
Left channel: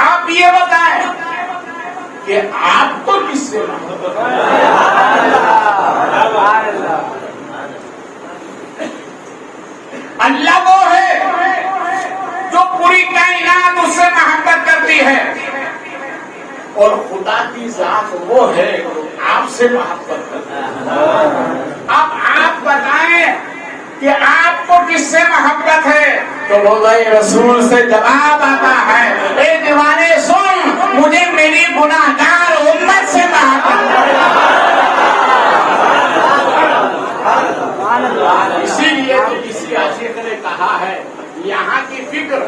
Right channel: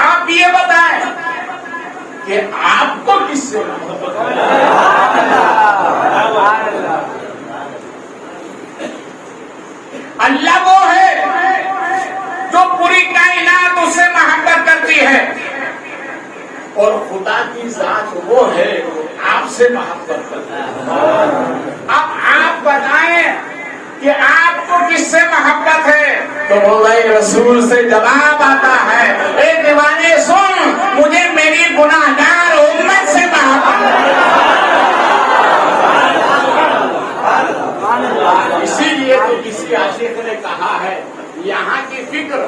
آپ یہ بتائیں کہ آپ کو کس سے محبت اللہ وہ ہے جو پوری کائنات اس سے محبت کرتی ہے اور خدا کی ذات وہ ہے آپ سے محبت کرتا ہے. اب آپ بتائیں کہ آپ کو کس سے محبت ہے تو روزہ رسول سے جواب آتا ہے اے دیوانے سن مجھے میری گناہگار امت سے محبت ہے. اسی لیے تو کسی عاشق نے کہا ہے یہاں کی فکر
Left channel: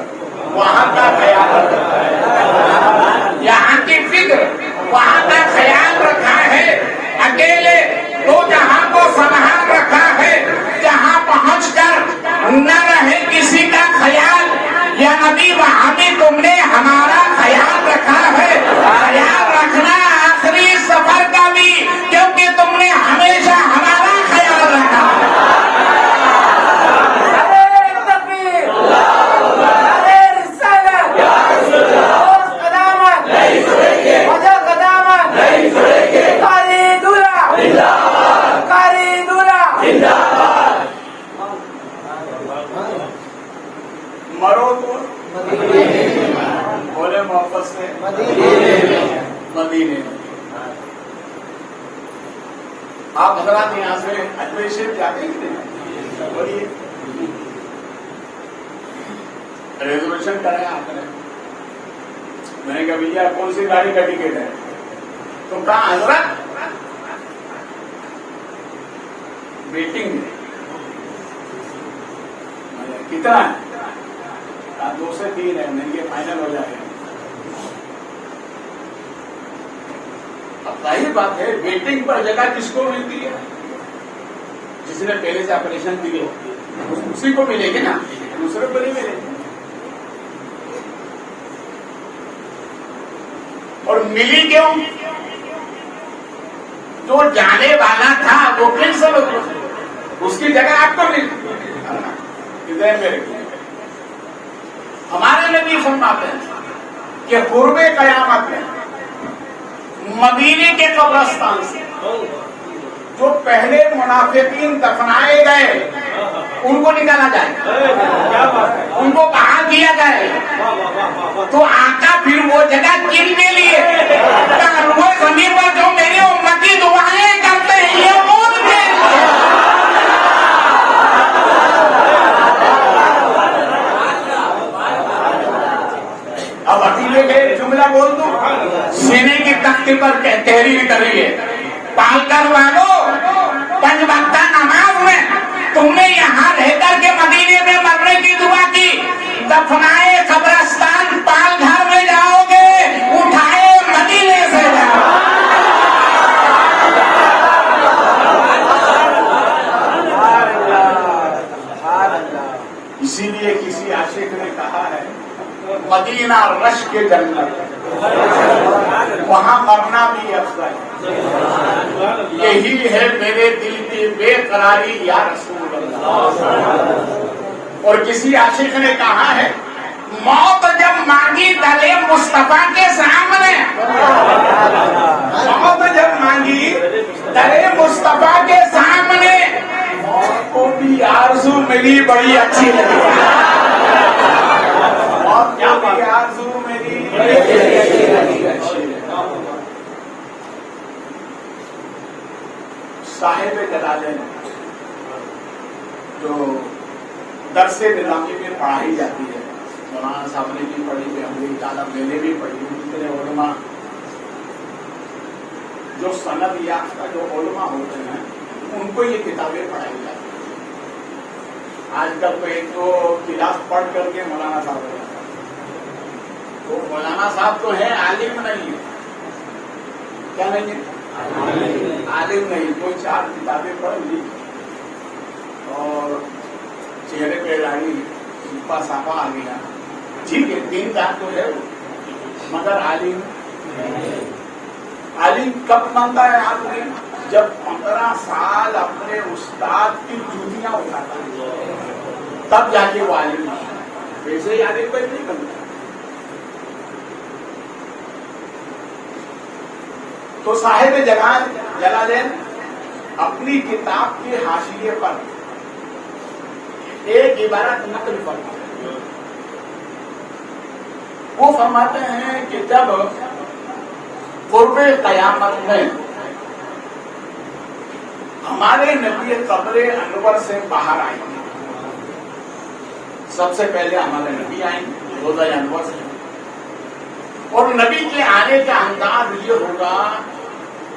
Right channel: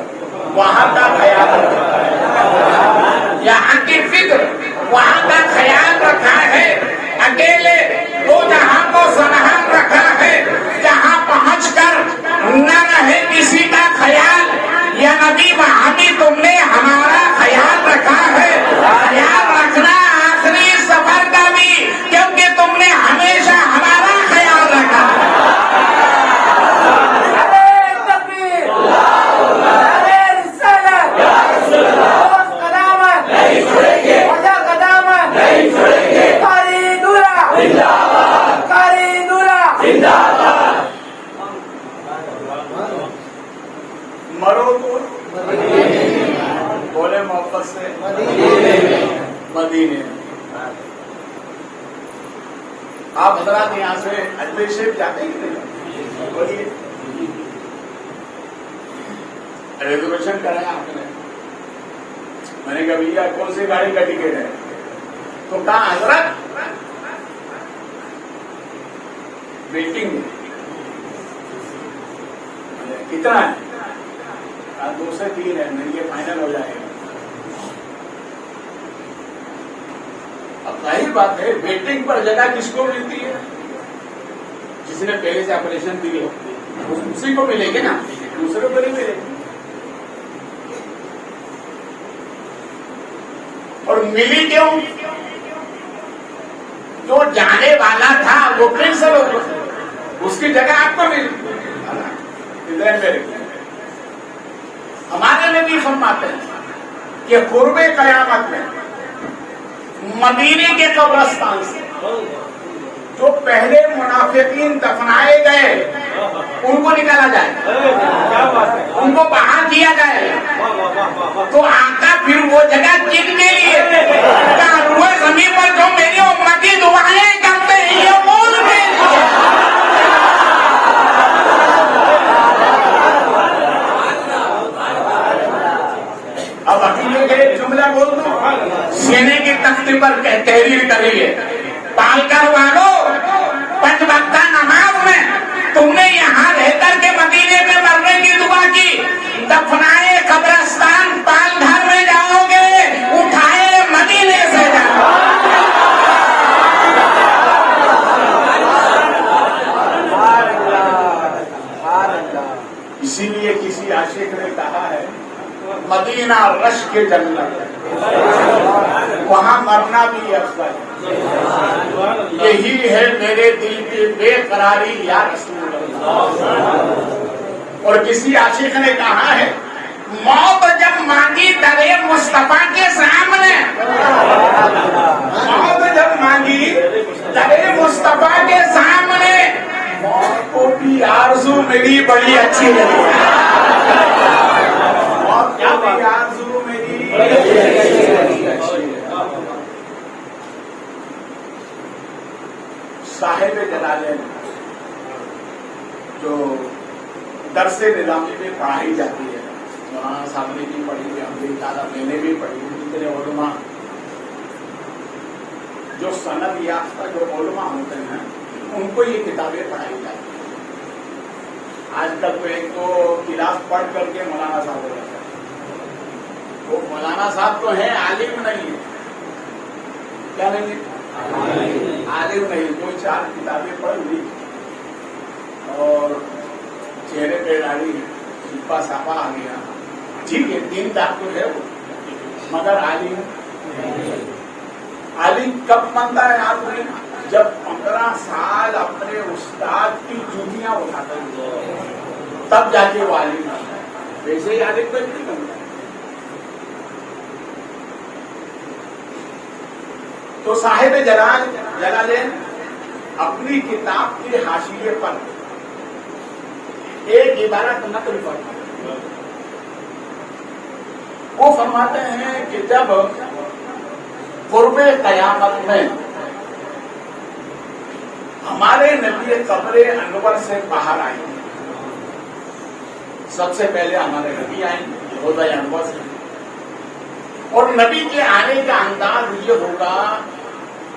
وہاں کا خیال رکھا ہے, یہاں کی فکر وہاں کا خیال رکھا ہے, اکیلے دو جہاں کو سرحد رکھا ہے, جہاں پہنچ کر نہ رہے کسی کا خیال. یا نبی محمد تم نے ہمارا خیال رکھا ہے, خیال رکھنا آخری سفر کا بھی کیونکہ تم نے ہمیشہ ہمارا خیال رکھا. مرو تو بولے محبت سے مدینے. آپ بنا یہاں سے اجمیر شریف جاتے ہیں بولیے ریزرویشن کریں آپ نے. میں نے کہا بھیا کون سی گاڑی کا ٹکٹ ہے تو کہا حضرت ویٹنگ کتنا ہے 2 سے 3 ہے میرے لیے فائنل ہو جائے گا. اب ظاہر بات ہے ویٹنگ پر جگہ کس کو ملتی ہے جس نے پہلے سے آپریشن کی ہو اسی کو ملے گی نا, دوسرے کو نہیں ملے گی. اور ملی کیوں جو جانے والا تھا وہ کینسل ہو گیا, اس کی جگہ آپ کو ملی. ہمارے نبی فرماتے ہیں کہ قرب قیامت میں مدینے کے قبرستان سے جو پہلے منافقین دفنائے گئے ان کو نکالا جائے, ان کو باہر کیا جائے تو آقا پھر وہ جگہ جن کے لیے روئے زمین پر جو میری امتی دعائیں کرتے ہیں یہ کون تھے. اب اکیلے گئے جملہ بول دو سینے کے تختے پر تحریر کر رہی ہے پال کر والو 5 وقتہ نماز میں تم نے یہاں رہ کر کے مدینے میں مرنے کی دعا کی, دفنائے قبرستان پال گھر میں جاؤ گے اٹھائے مدینے سے جاؤ. اسی لیے کسی عاشق نے کہا ہے مدینہ رش کے جنت وہاں مرنا بھی افضل, یہی ہے میرے دل کی بے قراری یا رسول اللہ. اور کسی عاشق نے کہا ہے موت جب مانگی درے مصطفیٰ کے سامنے, موت جب مانگی درے مصطفیٰ کے سامنے موت کو بھی آرزو میری بڑی اچھی لگی, آرزو میری صاحب جلالین جو درس نظامی میں پڑھائی جاتی ہے, مولانا صاحب نے بھی پڑھی ہے, ہم نے زیادہ میں نے بھی پڑھی ہے. جتنے علماء جو سند یافتہ جو علماء ہوتے ہیں ان کو یہ کتابیں پڑھائی جاتی ہیں. آج کل تو ایک تو کتاب پڑھ کر کے مولانا صاحب کو وہ مولانا صاحب تو ہے، عالم نہیں ہے. کیا نہیں ہے؟ عالم نہیں. کوئی 4 کتابیں پڑھ لی اور چہرے پہ ڈالی، سپا ساپا آ گیا. ٹھیک ہے، 3 دار تو ہے وہ، مگر عالم کب مانتا ہے آپ نے؟ جب 15 سال اپنے استاد کی جوتیاں اٹھاتا ہے تب جا کے وہ عالم. ویسے ہی عالم پر نہیں بنتا. تو صاحب جلالین اپنی کتاب کے حاشیے پر ایک عبارت نقل کرتے ہیں. وہ فرماتے ہیں کہ جب قرب قیامت میں ہمارے نبی قبر انور سے باہر آئیں گے، سب سے پہلے ہمارے نبی آئیں گے روضہ انور سے، اور نبی کے آنے کا انداز یہ ہوگا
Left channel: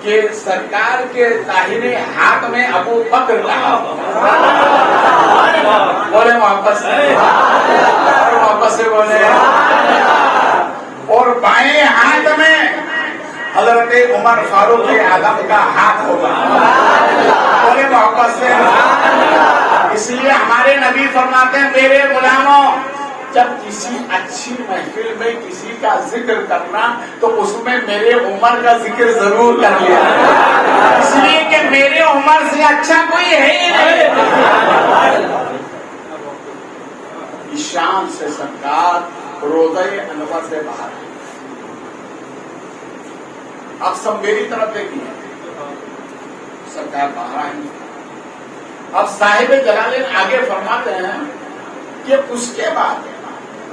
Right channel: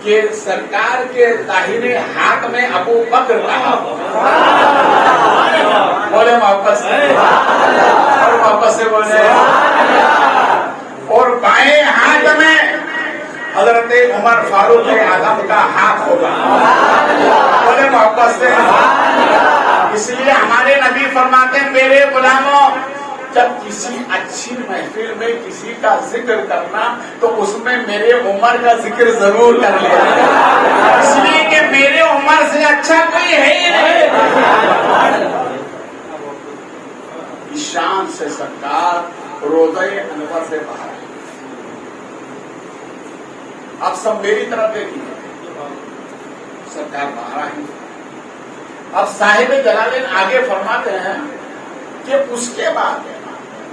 کہ سرکار کے داہنے ہاتھ میں ابو بکر رہا، بولے محبت سے بولے، اور بائیں ہاتھ میں حضرت عمر فاروق اعظم کا ہاتھ ہوگا. بولے محبت سے. اس لیے ہمارے نبی فرماتے ہیں میرے غلاموں، جب کسی اچھی محفل میں کسی کا ذکر کرنا تو اس میں میرے عمر کا ذکر ضرور کر لینا، اس لیے کہ میرے عمر سے اچھا کوئی ہے ہی نہیں. شان سے سرکار روضہ انور سے باہر. اب سب میری طرف دیکھیے، سرکار باہر آئیں. اب صاحب جلالین آگے فرماتے ہیں کہ اس کے بعد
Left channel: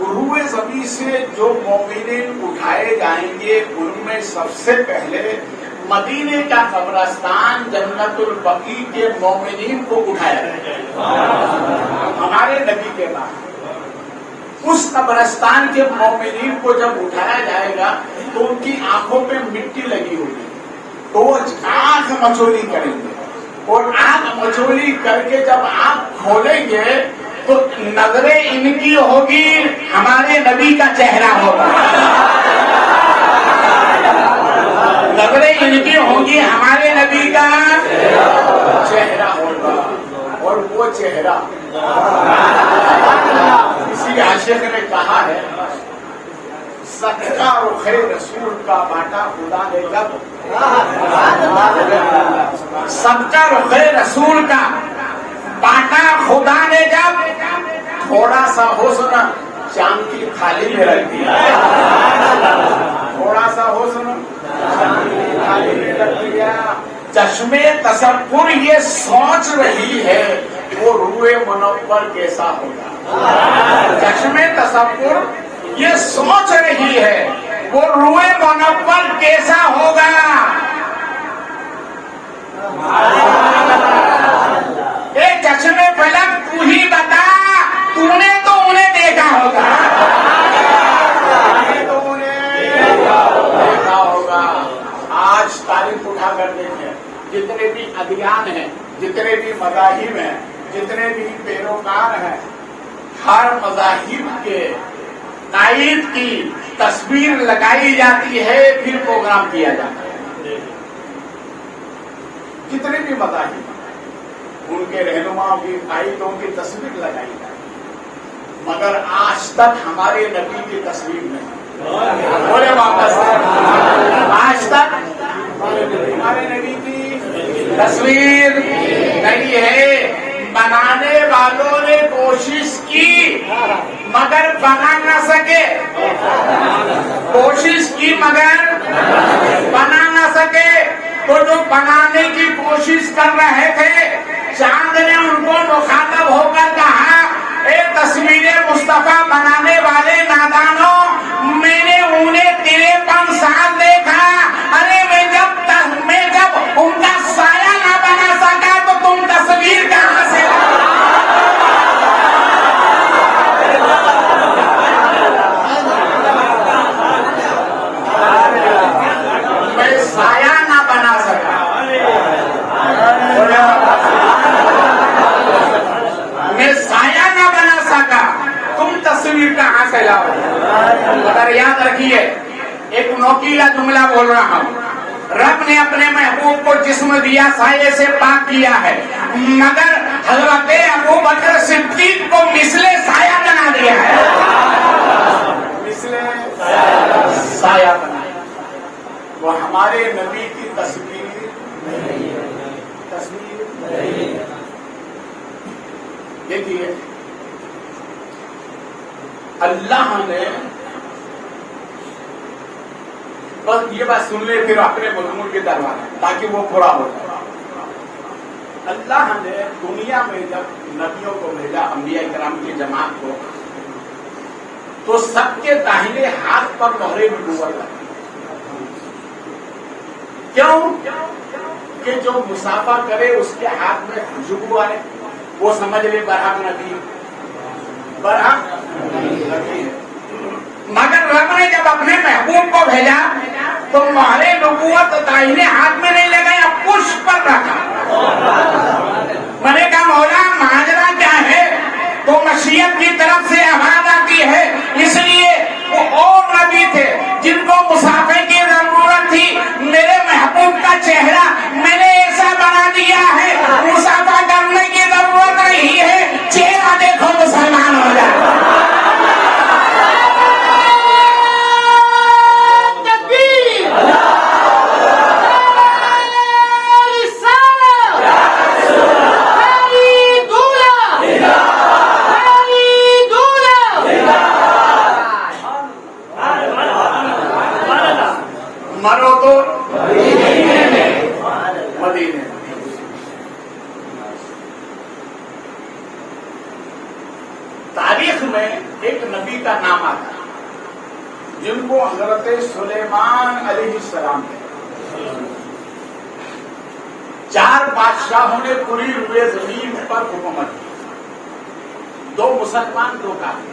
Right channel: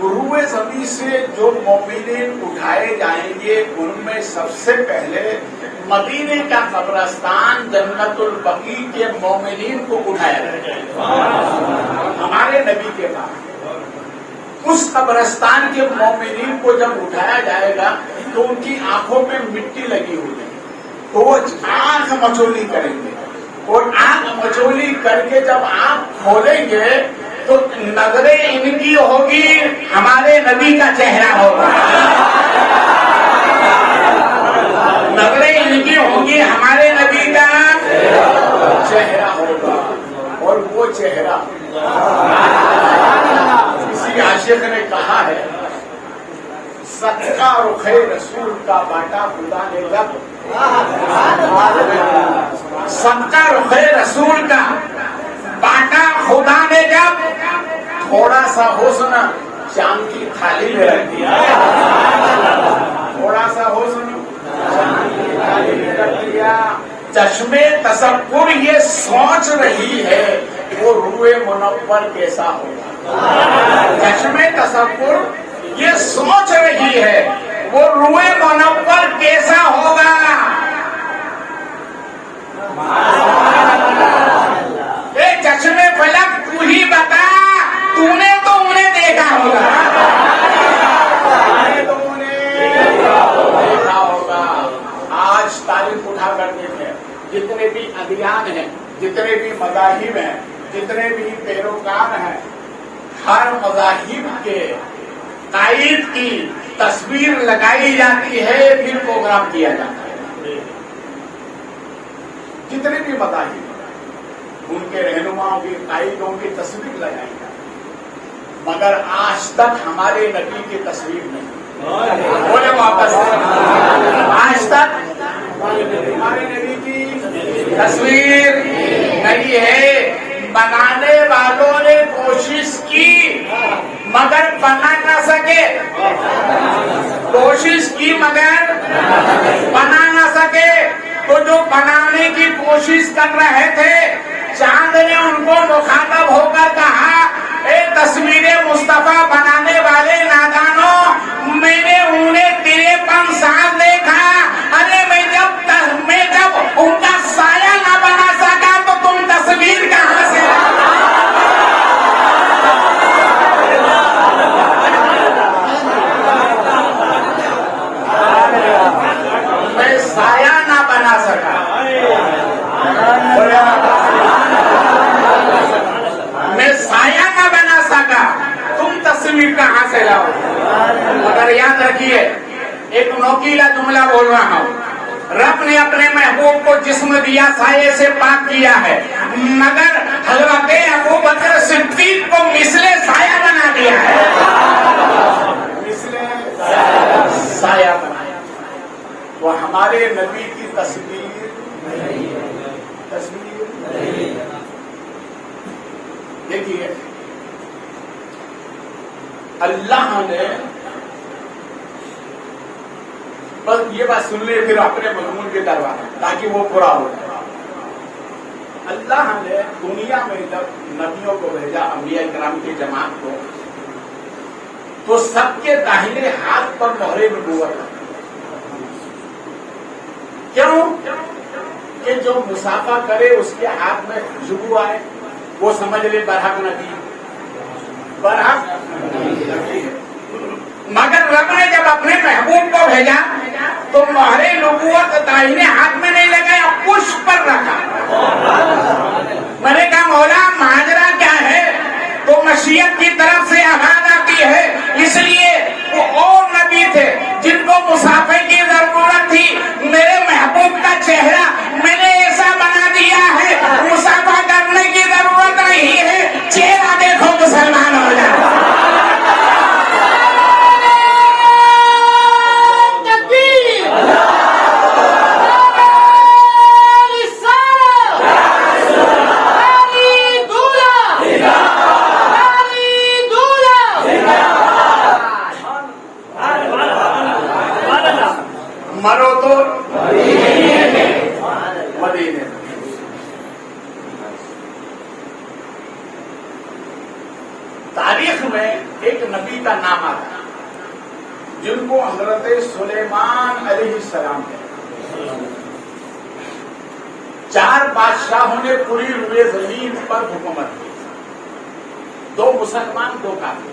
روئے زمین سے جو مومنین اٹھائے جائیں گے ان میں سب سے پہلے مدینے کا قبرستان جنت البقیع کے مومنین کو اٹھایا جائے گا. ہمارے نبی کے بعد اس قبرستان کے مومنین کو جب اٹھایا جائے گا تو ان کی آنکھوں میں مٹی لگی ہوگی، تو وہ آنکھ مچولی کریں گے، اور آنکھ مچولی کر کے جب آنکھ کھولیں گے تو نظریں ان کی ہوگی ہمارے نبی کا چہرہ ہوگا، نظریں ان کی ہوگی ہمارے نبی کا چہرہ ہوگا. اور وہ چہرہ کسی عاشق نے کہا ہے، صدقہ رخ رسول کا بانٹا خدا نے جب، صدقہ رخ رسول کا بانٹا خدا نے جب، تھوڑا سا حسن چاند کی تھالی میں رکھ دیا، تھوڑا سا حسن چاند کی تھالی میں رکھ دیا. چشمے تصور یہ سوچ رہی ہے وہ روئے منور کیسا ہوگا. چشمے تصور یہ سوچ رہی ہے وہ روئے منور کیسا ہوگا. اے چشمے فلک تو ہی بتا، تو نے تو انہیں دیکھا ہوگا، تو انہیں دیکھا ہوگا. آج تاریخ اٹھا کر دیکھیں، جتنے بھی ادیان ہیں، جتنے بھی مذاہب ہیں، جتنے بھی پیروکار ہیں، ہر مذاہب کے قائد کی تصویر لگائی جاتی ہے، پھر پروگرام کیا جاتا ہے. جتنے بھی مذاہب ان کے رہنماؤں کی قائدوں کی تصویر لگائی جاتی ہے، مگر آج تک ہمارے نبی کی تصویر نہیں. بولے واپس، آج تک ہمارے نبی کی تصویر نہیں ہے. بنانے والوں نے کوشش کی مگر بنا نہ سکے، کوشش کی مگر بنا نہ سکے. تو جو بنانے کی کوشش کر رہے تھے، چاند نے ان کو مخاطب ہو کر کہا، اے تصویر مصطفیٰ بنانے والے نادانوں، میں نے انہیں 53 سال دیکھا. ارے میں جب ان کا سایہ نہ بنا سکا تو تم تصویر کہاں سے؟ میں سایہ نہ بنا سکا، میں سایہ سے لاؤ. مگر یاد رکھیے ایک نوکیلا جملہ بول رہا ہوں. رب نے اپنے محبوب کو جسم دیا سائے سے پاک کیا ہے, مگر حضرت ابوبکر صدیق کو مثل سایہ بنا دیا ہے. مثل سایہ بنایا. وہ ہمارے نبی کی تصویر نہیں ہے. تصویر نہیں. دیکھیے اللہ نے بس یہ بات سن لیے پھر اپنے مضمون کے دربار تاکہ وہ پورا ہو. اللہ نے دنیا میں جب نبیوں کو بھیجا, انبیاء کرام کی جماعت کو, تو سب کے داہنے ہاتھ پر مہر نبوت ہے. کیوں کہ جو مسافہ کرے اس کے ہاتھ میں خوشبو آئے وہ سمجھ لے برحق نبی. برحق نبی. مگر رب نے جب اپنے محبوب کو بھیجا تو مہر نبوت داہنے ہاتھ میں نہیں لگایا, پشت پر رکھا. میں نے کہا مولا ماجرا کیا ہے؟ وہ مشیت کی طرف سے آواز آتی ہے, اس لیے وہ اور نبی تھے جن کو مسافے کی ضرورت تھی. میرے محبوب کا چہرہ میں نے ایسا بنا دیا ہے مسافہ کرنے کی ضرورت نہیں ہے, چہرہ دیکھو مسلمان ہو جائے. مرو تو مدینے. تاریخ میں ایک نبی کا نام آتا ہے جن کو حضرت سلیمان علیہ السلام کہتے ہیں. 4 بادشاہوں نے پوری روئے زمین پر حکومت کی, 2 مسلمان 2 کافر.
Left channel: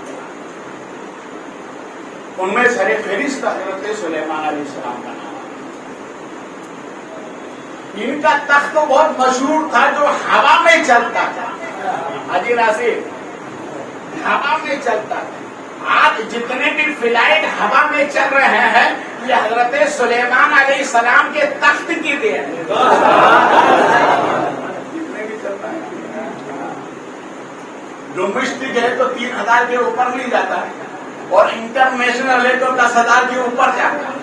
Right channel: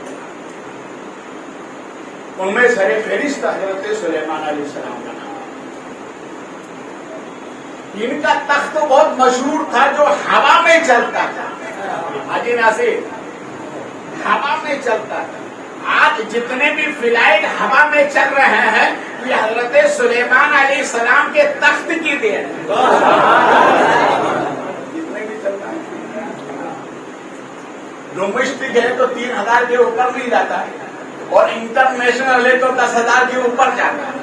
ان میں سر فہرست حضرت سلیمان علیہ السلام کا نام. ان کا تخت بہت مشہور تھا جو ہوا میں چلتا تھا. حاجی ناصر, ہوا میں چلتا تھا. آج جتنے بھی فلائٹ ہوا میں چل رہے ہیں یہ حضرت سلیمان علیہ السلام کے تخت کی دیر. جتنے بھی چلتا ہے ڈومیسٹک ہے تو 3000 کے اوپر نہیں جاتا ہے, اور انٹرنیشنل ہے تو 10,000 کے اوپر جاتا ہے.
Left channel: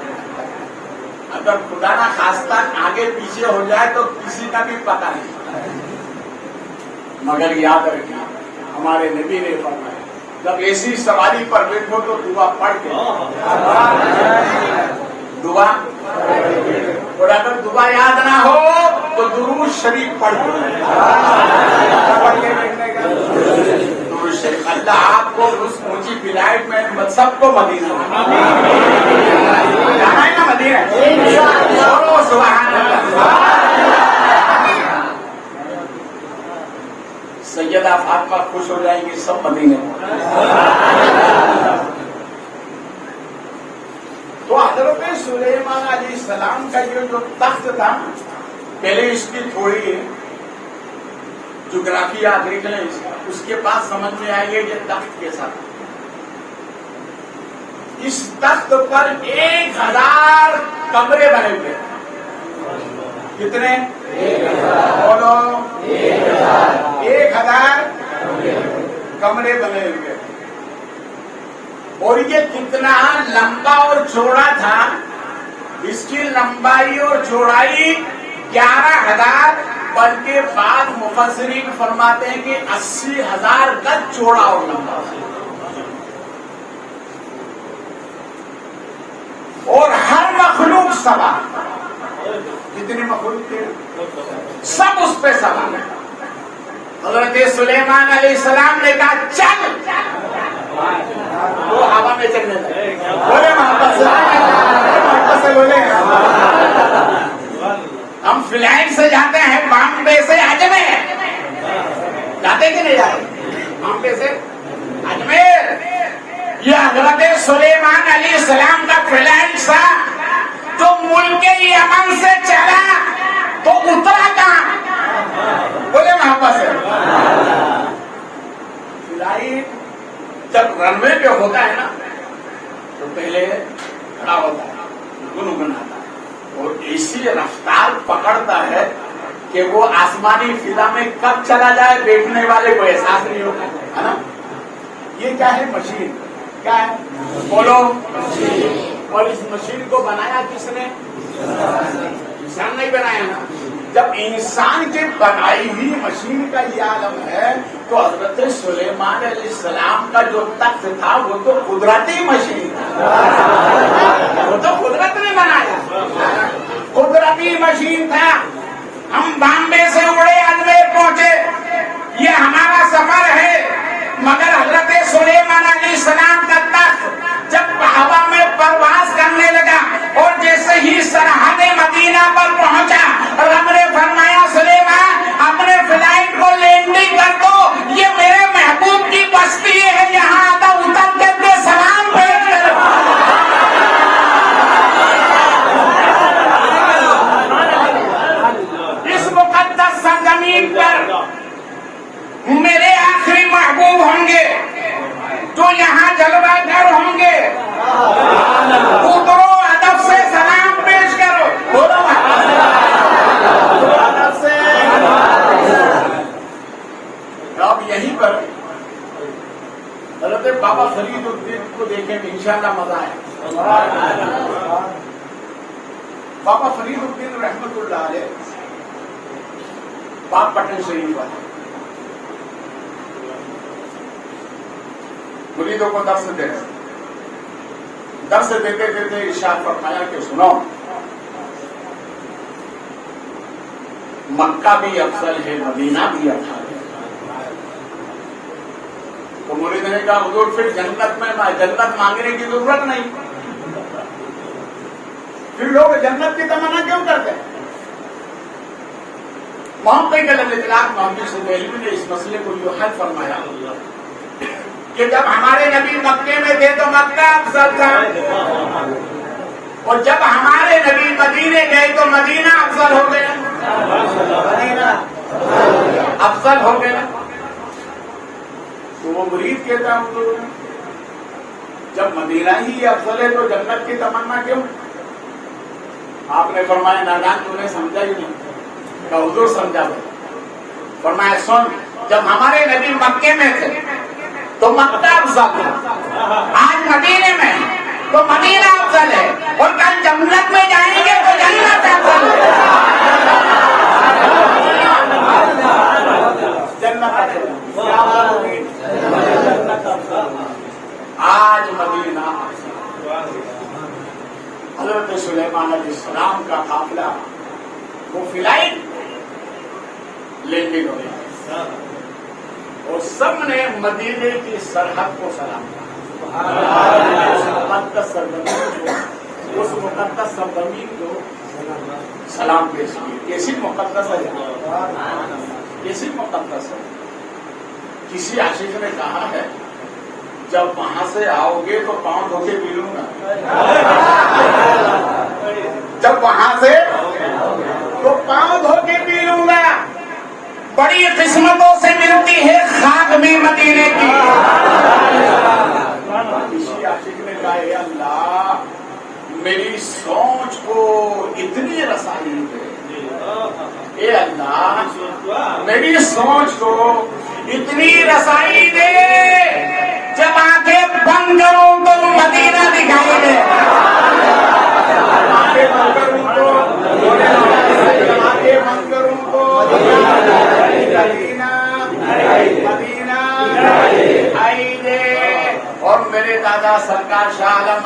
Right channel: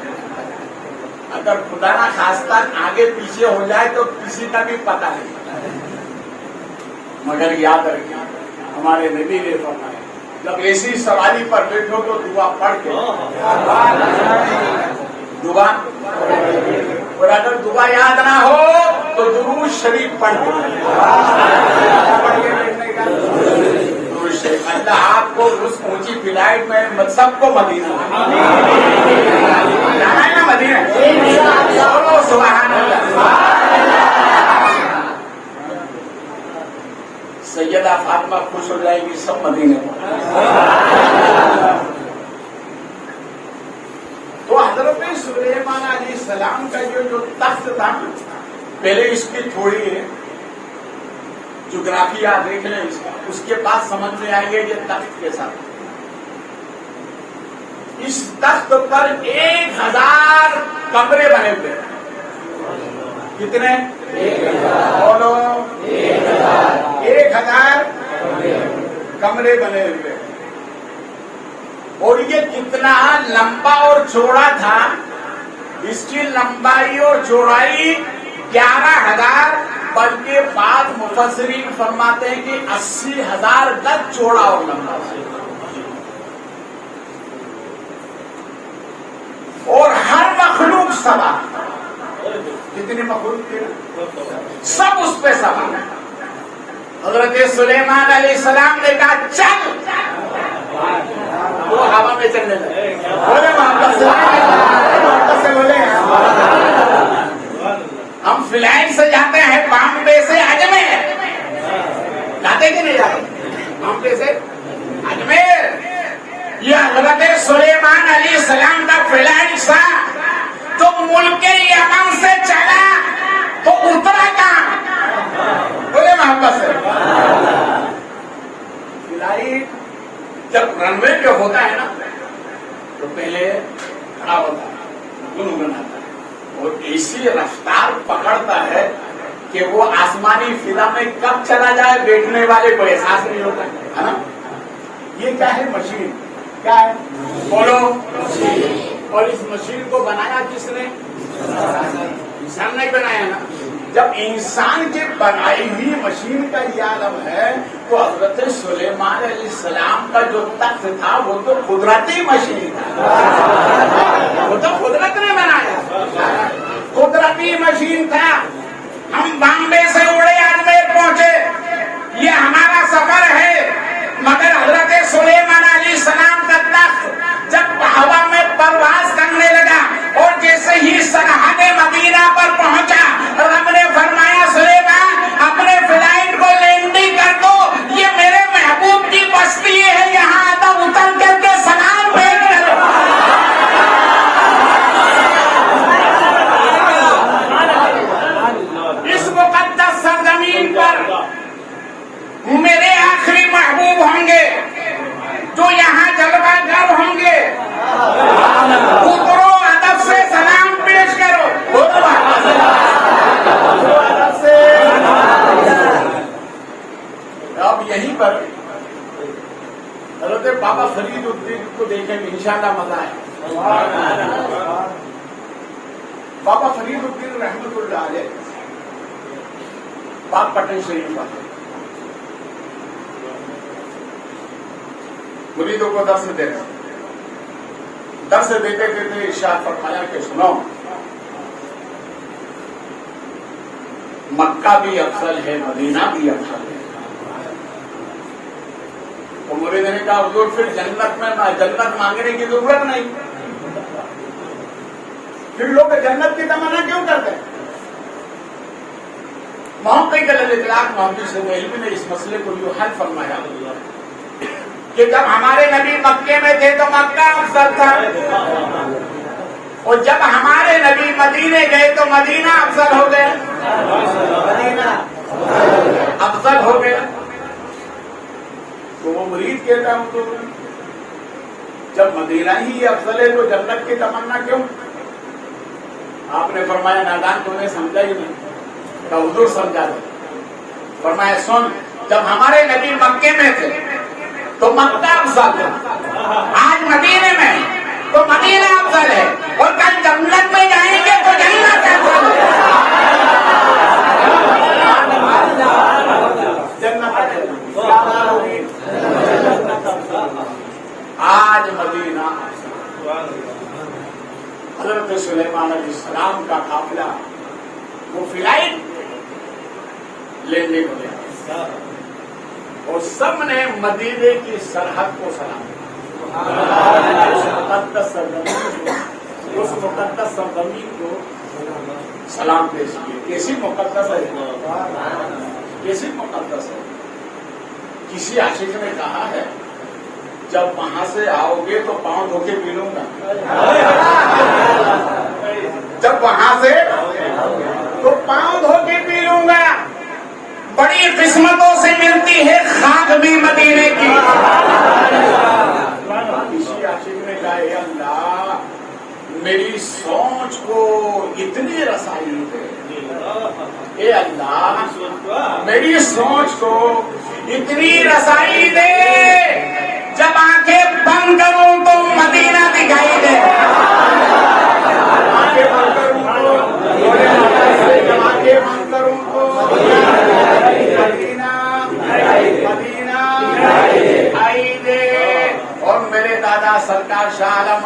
اگر خدا نہ خاصہ آگے پیچھے ہو جائے تو کسی کا بھی پتہ نہیں. مگر یاد رکھیے ہمارے نبی نے فرمایا جب ایسی سواری پر بیٹھو تو دعا پڑھ کے دعا, اور اگر دعا یاد نہ ہو تو درود شریف پڑھ کے بیٹھنے کا. اللہ آپ کو اس اونچی فلائٹ میں سب کو مدینہ ہے نا, مدینہ. سبحان اللہ. سیدہ فاطمہ خوش ہو جائے گی, سب مدینہ. تو حضرت سلیمان علیہ السلام کا جو تخت تھا, پہلے اس کی تھوڑی جغرافیہ دیکھ لیں اس کے پاس سمجھ میں آئیں گے یہ تخت کیسا تھا. اس تخت پر 1000 کمرے بنے ہوئے. کتنے؟ 1000 کمرے بنے ہوئے. اور یہ کتنا لمبا اور چوڑا تھا, اس کی لمبائی اور چوڑائی 11,000, بلکہ بعض مفسرین فرماتے ہیں کہ 80,000 گز چوڑا ہوگا. اور ہر مخلوق سوار, جتنی مخلوق تھی سب اس پہ سوار. حضرت سلیمان علیہ السلام نے کہا چل, وہ ہوا میں چلنے لگے. ہم فلائٹ سے جاتے ہیں بامبے سے اجمیر, جاتے کہ نہیں جاتے؟ بامبے سے اجمیر. یہ حضرت سلیمان علیہ السلام کا فلائٹ تھا جو ملک یمن سے چلا تو اترا کہاں؟ بولے محبت سے. فلائٹ جب رن وے پہ ہوتا ہے نا تو پہلے کھڑا ہوتا ہے، گنگناتا ہے، اور ایسی رفتار پکڑتا ہے کہ وہ آسمانی فضا میں کب چلا جائے بیٹھنے والے کو احساس نہیں ہوتا ہے نا؟ یہ کیا ہے؟ مشین. کیا ہے؟ بولو. اور اس مشین کو بنایا کس نے؟ انسان نہیں بنایا نا. جب انسان کے بنائی ہوئی مشین کا یہ عالم ہے تو حضرت سلیمان علیہ السلام کا جو تخت تھا وہ تو قدرتی مشین تھا، وہ تو قدرت نے بنایا، قدرتی مشین تھا. ہم بامبے سے اڑے اجمیر پہنچے، یہ ہمارا سفر ہے، مگر حضرت سلیمان علیہ السلام کا تخت جب ہوا میں پرواز کرنے لگا اور جیسے ہی سرحد مدینہ پر پہنچا، رب نے فرمایا سلیمان اپنے فلائٹ کو لینڈنگ کر دو، یہ میرے محبوب کی بستی ہے، یہاں آتا اتر کر کے سلام بھیج کرو. اس مقدس سرزمین پر میرے آخری محبوب ہوں گے جو یہاں جلوہ گر ہوں گے. اترو ادب سے سلام پیش کرو. ادب سے. اب یہیں پر حضرت بابا فرید الدین کو دیکھیں گے انشاءاللہ مزہ ہے. بابا فرید الدین رحمت اللہ علیہ پاک پٹن شریف والے مریدوں کو درس دے رہے، درس دیتے دیتے ارشاد فرمایا کہ سنو، مکہ بھی افضل ہے، مدینہ بھی افضل ہے. تو مرید نے کہا حضور پھر جنت مانگنے کی ضرورت نہیں، پھر لوگ جنت کی تمنا کیوں کرتے ہیں؟ محمد اطلاق محمد سمیل نے اس مسئلے کو جو حل فرمایا کہ جب ہمارے نبی مکے میں تھے تو مکہ افضل تھا، اور جب ہمارے نبی مدینے گئے تو مدینہ افضل ہو گیا. مدینہ افضل ہو گیا. تو وہ مرید کہتا ہوں تو جب مدینہ ہی افضل ہے تو جنت کی تمنا کیوں؟ آپ نے فرمایا نادان تم نے سمجھا ہی نہیں. تو حضور سمجھا دو. فرمایا سن، جب ہمارے نبی مکے میں تھے تو مکہ افضل ہے، آج مدینے میں تو مدینہ افضل ہے، اور کل جنت میں جائیں گے تو جنت افضل ہے. آج مدینہ حضرت سلیمان علیہ السلام کا قافلہ وہ فلائٹ لینڈنگ ہو گیا اور سب نے مدینے کی سرحد کو سلام کیا. اس مقدس سرزمین کو سلام پیش کیے. کیسی مقدس ہے، کیسی مقدس ہے. کسی عاشق نے کہا ہے جب وہاں سے آؤ گے تو پاؤں دھو کے پی لوں گا. جب وہاں سے تو پاؤں دھو کے پی لوں گا. بڑی قسمتوں سے ملتی ہے خاک بھی مدینے کی. کسی عاشق نے کہا اے اللہ میری سوچ کو اتنی رسائی دے، اے اللہ میری سوچ کو اتنی رسائی دے، جب آنکھیں بند کروں تو مدینہ دکھائی دے. آنکھیں بند کروں تو مدینہ دکھائی دے. اور میرے دادا سرکار شاہ عالم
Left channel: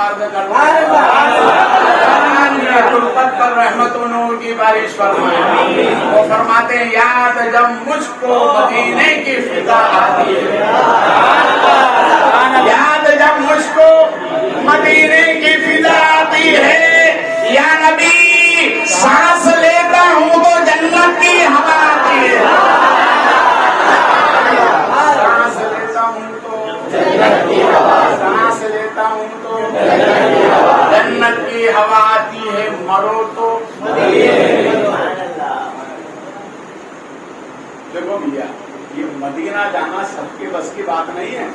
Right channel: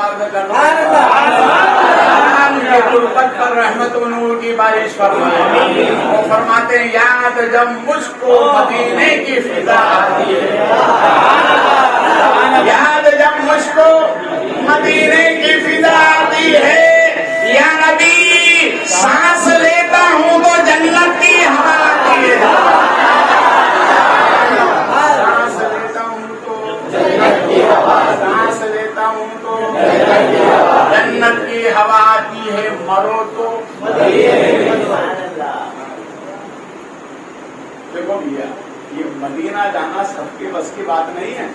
پر رحمت و نور کی بارش فرمائے. وہ فرماتے ہیں یاد جب مجھ کو مدینے کی فضا آتی ہے، یاد جب مجھ کو مدینے کی فضا آتی ہے، یا نبی سانس لیتا ہوں تو جنت کی ہوا آتی ہے. سانس لیتا ہوں تو جنت کی ہوا، سانس لیتا ہوں تو جنت کی ہوا آتی ہے. مرو تو دیکھو بھیا یہ مدینہ جانا سب کے بس کی بات نہیں ہے.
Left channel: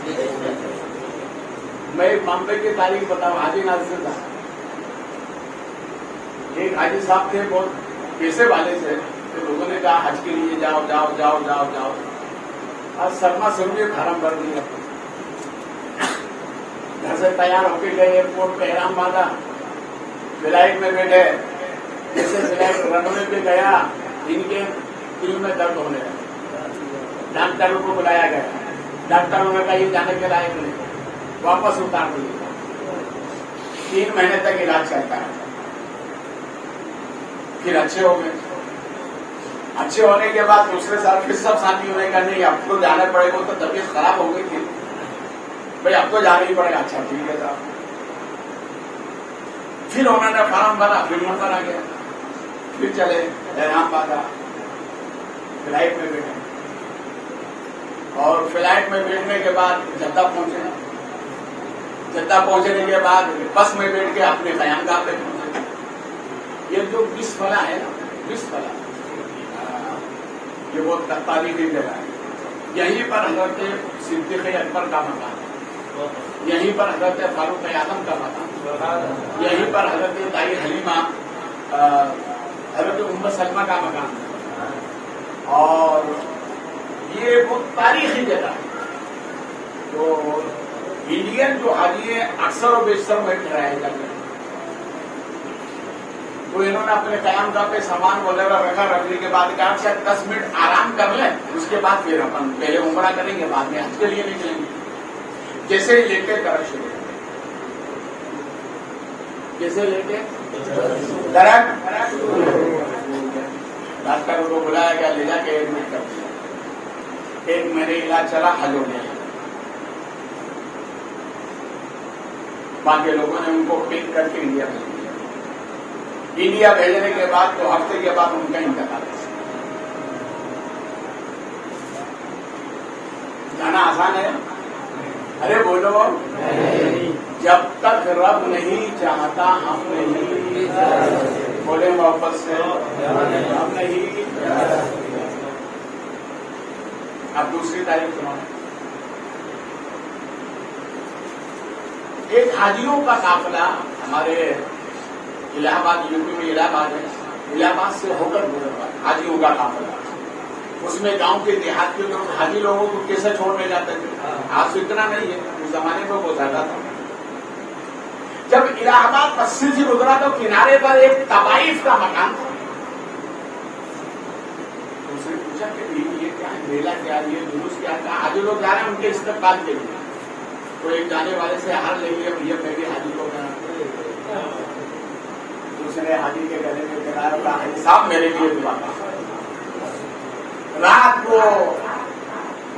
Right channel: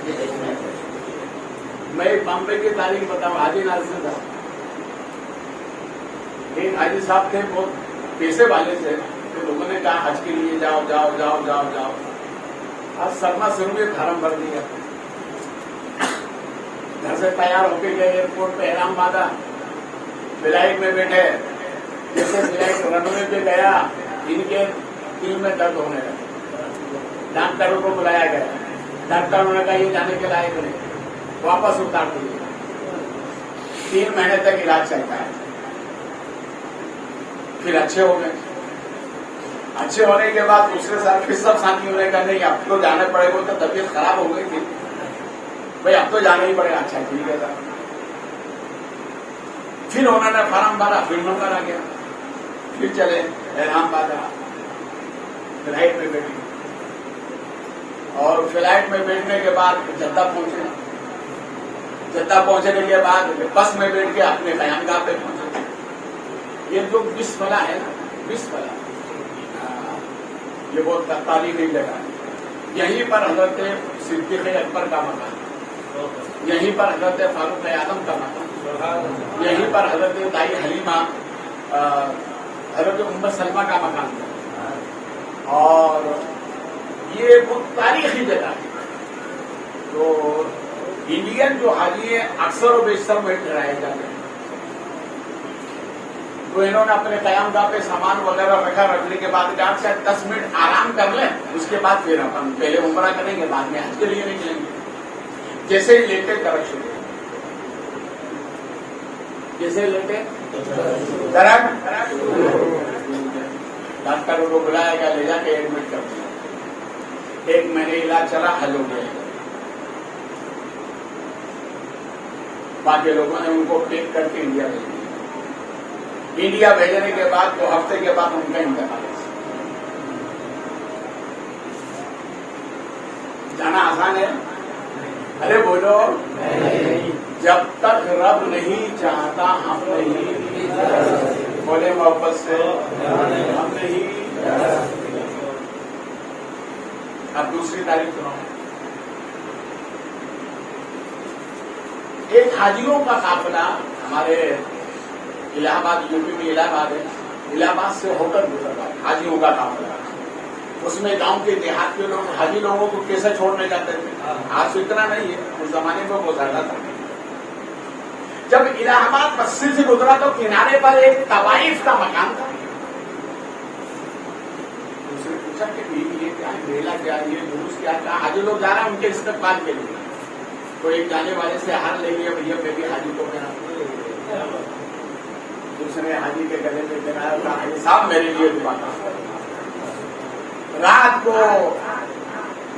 میں ایک معاملے کی تاریخ بتاؤں. حاجی ناصر صاحب, ایک حاجی صاحب تھے, بہت پیسے والے تھے. تو لوگوں نے کہا حج کے لیے جاؤ جاؤ جاؤ جاؤ جاؤ. اور سرما سنگھ حرم بن دیا. گھر سے تیار ہو کے گئے, ایئرپورٹ پہ احرام باندھا, فلائٹ میں بیٹھے. جیسے فلائٹ رن وے پہ گیا, ان کے دل میں درد ہونے لگا. ڈاکٹروں کو بلایا گیا. ڈاکٹروں نے کہا یہ جانے کے لائق نہیں, واپس اتار دیے. 3 مہینے تک علاج چلتا ہے. پھر اچھے ہو گئے. اچھے ہونے کے بعد دوسرے سال پھر سب ساتھیوں نے کہا نہیں اب تو جانا پڑے گا. تو طبیعت خراب ہو گئی تھی, بھائی اب تو جانا ہی پڑے گا. اچھا ٹھیک ہے صاحب. پھر انہوں نے فارم بھرا, پھر نمبر آ گیا. پھر چلے احرام باندھا, فلائٹ میں بیٹھے. اور فلائٹ میں بیٹھنے کے بعد جدہ پہنچے. جدہ پہنچنے کے بعد بس میں بیٹھ کے اپنے قیام گاہ پہ پہنچے. یہ جو بسملہ ہے نا, بسملہ یہ بہت تاریخی جگہ ہے. یہیں پر حضرت صدیق اکبر کا مقام, یہیں پر حضرت فاروق اعظم کا مقام, یہیں پر حضرت دائی حلیمہ حضرت ام سلمہ کا مقام ہے. اور یہ بہت تاریخی جگہ ہے. تو انڈین جو حاجی ہیں اکثر و بیشتر میں ٹھہرائے جاتے ہیں. تو انہوں نے اپنے قیام گاہ پہ سامان وغیرہ رکھا. رکھنے کے بعد کہا شاید 10 منٹ آرام کر لیں, اس کے بعد پھر ہم پہلے عمرہ کریں گے, بعد میں حج کے لیے نکلیں گے. جیسے ہی لیٹے درخت شروع, جیسے لیٹے درخت. ڈاکٹروں کو بلایا گیا, لے جا کے ایڈمٹ کر دیا. 1 مہینے علاج چلا, حل ہو گیا. باقی لوگوں نے ان کو پک کر کے انڈیا بھیج دیا. انڈیا بھیجنے کے بعد 2 ہفتے کے بعد ان کا انتقال. جانا آسان ہے؟ ارے بولو, جب تک رب نہیں چاہتا ہم نہیں. بولے واپس سے ہم نہیں. اب دوسری تاریخ سناؤ. ایک حاجیوں کا قافلہ ہمارے الہ آباد, یو پی میں الہ آباد ہے, الہ آباد سے ہو کر گزرتا ہے حاجیوں کا قافلہ. اس میں گاؤں کے دیہات کے لوگ حاجی لوگوں کو کیسے چھوڑنے جاتے تھے. آج تو اتنا نہیں ہے, اس زمانے میں وہ زیادہ تھا. جب الہ آباد مسجد سے گزرا تو کنارے پر ایک طوائف کا مکان تھا. اس نے پوچھا کہ یہ کیا ہے, میلہ کیا, یہ جلوس کیا تھا. حاجی لوگ جا رہے ہیں ان کے استقبال کے لیے. تو ایک جانے والے سے ہار لے گیا, بھیا میری حاجی کو کیا. دوسرے حاجی کے گلے میں گرایا, حاجی صاحب میرے لیے دعا کرنا. رات کو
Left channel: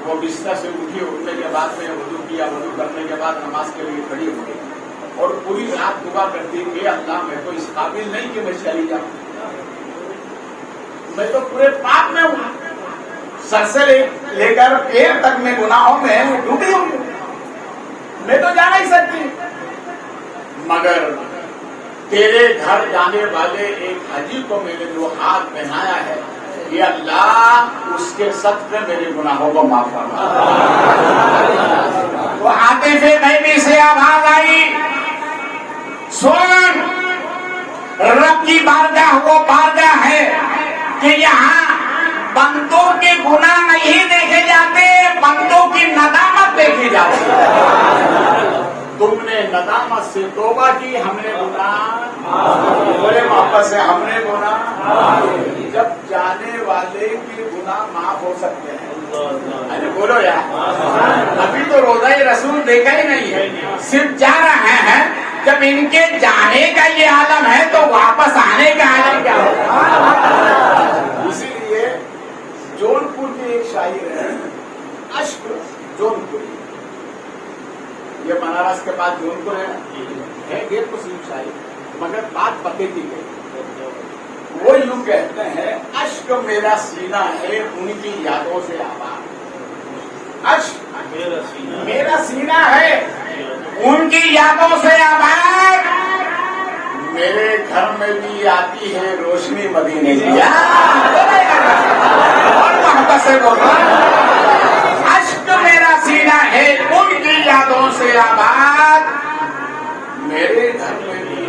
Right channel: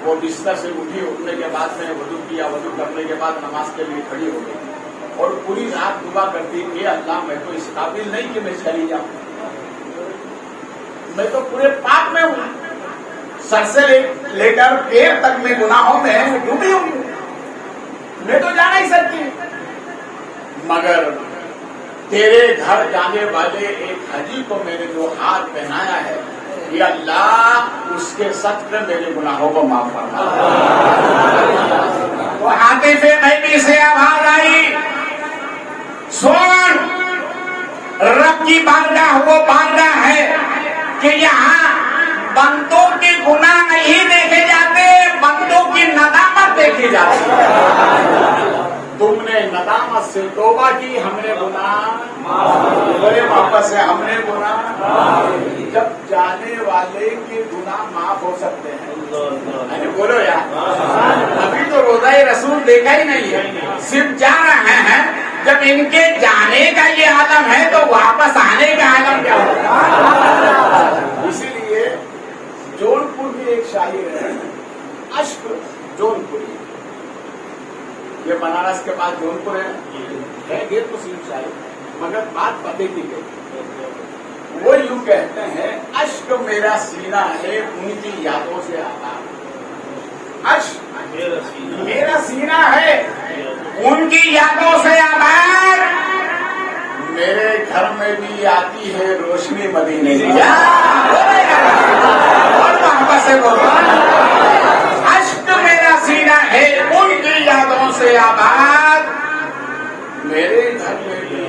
وہ بستر سے اٹھی, اٹھنے کے بعد میں وضو کیا, وضو کرنے کے بعد نماز کے لیے کھڑی ہو گئی اور پوری رات دعا کرتی تھی, اللہ میں تو اس قابل نہیں کہ میں چلی جاؤں, میں تو پورے پاپ میں ہوں, سر سے لے کر پیر تک میں گناہوں میں ڈوبی ہوں, میں تو جا نہیں سکتی. مگر تیرے گھر جانے والے ایک حاجی کو میں نے جو ہاتھ پہنایا ہے, یہ اللہ اس کے سچ میں میرے گناہوں کو معاف کرنا. وہ آتے سے میں بھی سے آواز آئی, سن رب کی بارگاہ وہ بارگاہ ہے کہ یہاں بندوں کے گناہ نہیں دیکھے جاتے, بندوں کی ندامت دیکھی جاتی ہے. تم نے ندامت سے توبہ کی, ہم نے گناہ واپس سے ہم نے گناہ. جب جانے والے کے گناہ معاف ہو سکتے ہیں, بولو یار, ابھی تو روزہ رسول دیکھا ہی نہیں ہے, صرف جا رہے ہیں. جب ان کے جانے کا یہ عالم ہے تو واپس آنے کا عالم کیا ہوگا. اسی لیے جون پور میں ایک شاعر ہے, اشک جون پور, یہ بنارس کے بعد جون پور ہے, یہ تو صرف شاعر, مگر بات پتے کی گئی. وہ یوں کہتے ہیں, اشک میرا سینہ ہے ان کی یادوں سے آباد. اشک میرا سینہ ہے ان کی یادوں سے آباد. میرے گھر میں بھی آتی ہے روشنی مدینے کی. اور محبت سے بولو, اشک میرا سینہ ہے ان کی یادوں سے آباد.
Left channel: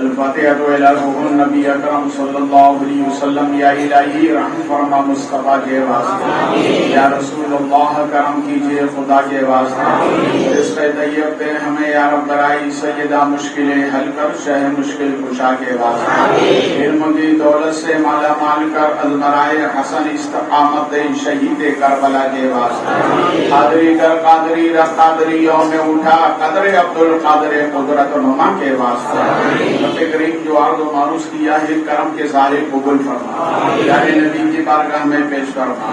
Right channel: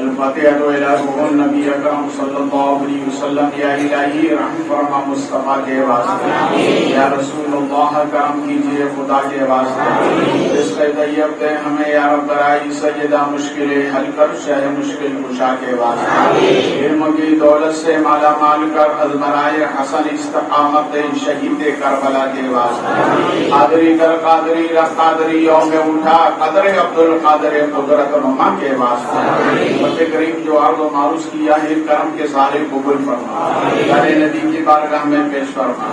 الفاتحة إلى روح النبی اکرم صلی اللہ علیہ وسلم. یا الہی رحم فرما مصطفیٰ کے واسطے. یا رسول اللہ کرم کیجیے خدا کے واسطے. اس کے طیب دے ہمیں یا رب برائی سیدہ مشکلیں حل کر شہ مشکل کشا کے واسطے. علم کی دولت سے مالا مال کر ازمرائے حسن استقامت شہید کربلا کے واسطے. قادری کر قادری رب قادری یوم اٹھا قدر عبد القادر قدرت نما کے واسطے. رب کریم جو عرض و معروض کیا ہے کرم کے سارے قبول فرما. جانے نبی کی بارگاہ میں پیش فرما.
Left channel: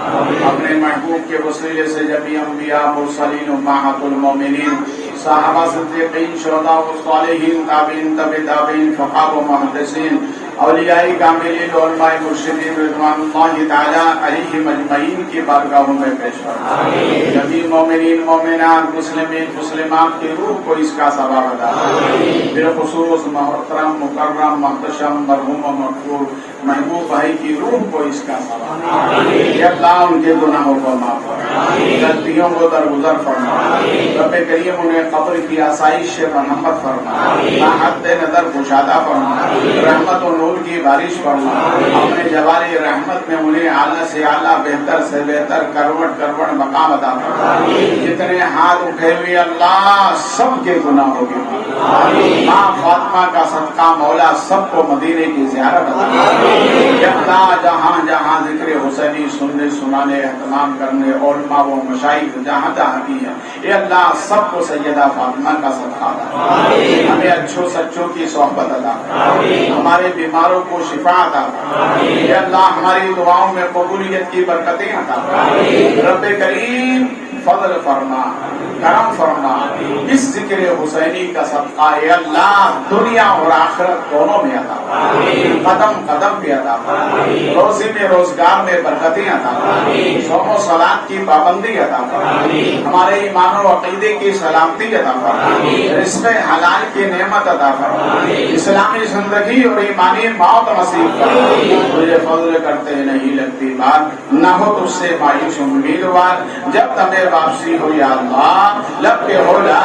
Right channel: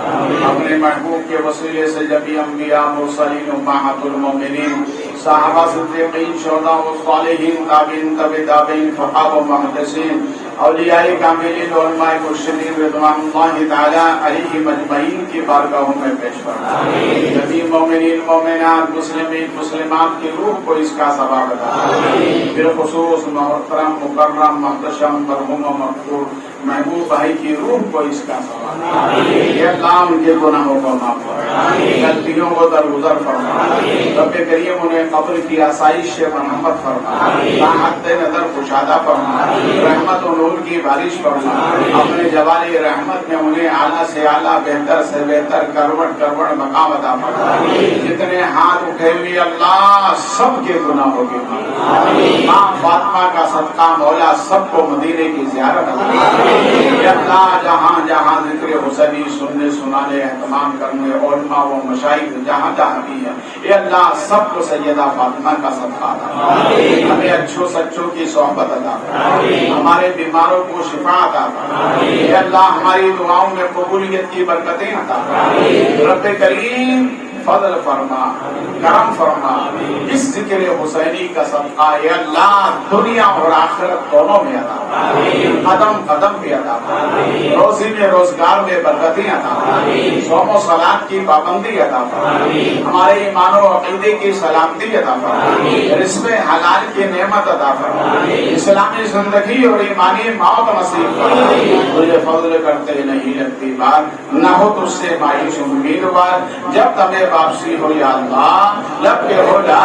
اپنے محبوب کے وسیلے سے جبی انبیاء مرسلین امہات المومنین صحابہ صدیقین شہداء و صالحین تابعین تبع تابعین فقہاء و محدثین اولیاء کاملین و علماء مرشدین رضوان اللہ تعالی علیہم اجمعین کی بارگاہوں میں پیش فرما. جبی مومنین مومنات مسلمین مسلمات کی روح کو اس کا ثواب عطا فرما. بالخصوص محترم مکرم محتشم مرحوم و مقبول محبوب بھائی کی روح کو اس کا ثواب عطا فرما. یا اللہ ان کے گناہوں کو معاف فرما. غلطیوں کو درگزر فرما. رب کریم انہیں قبر کی آسائش سے مرحمت فرما. راحت نظر کشادہ فرما. رحمت و نور کی بارش فرما. اپنے جواری رحمت میں انہیں اعلیٰ سے اعلیٰ بہتر سے بہتر کروڑ کروڑ مقام عطا فرما. جتنے ہاتھ اٹھے ہوئے اللہ سب کے گناہوں کے ماں فاطمہ کا صدقہ مولا سب کو مدینے کی زیارت فرما. یا اللہ جہاں جہاں ذکر حسینی سننے سنانے اہتمام کرنے علماء و مشائخ جہاں جہاں کی ہے اے اللہ سب کو سیدہ فاطمہ کا صدقہ عطا. ہمیں اچھوں سچوں کی صحبت عطا. ہمارے بیماروں کو شفا عطا. اے اللہ ہماری دعاؤں میں قبولیت کی برکتیں عطا. رب کریم فضل فرما کرم فرما. اس ذکر حسینی کا صدقہ اے اللہ دنیا اور آخرت دونوں میں عطا. قدم قدم پہ عطا. روزی میں روزگار میں برکتیں عطا. صوم و صلاۃ کی پابندی عطا. ہمارے ایمان و عقیدے کی سلامتی عطا. رزق حلال کی نعمت عطا. اسلامی زندگی اور ایمانی موت نصیب کر. مجھے فضل کرتے نہیں لگتی بات نہ ہو تجھ سے مایوس امیدوار. جب تمہیں واپسی ہو یا اللہ لب کے ہو لا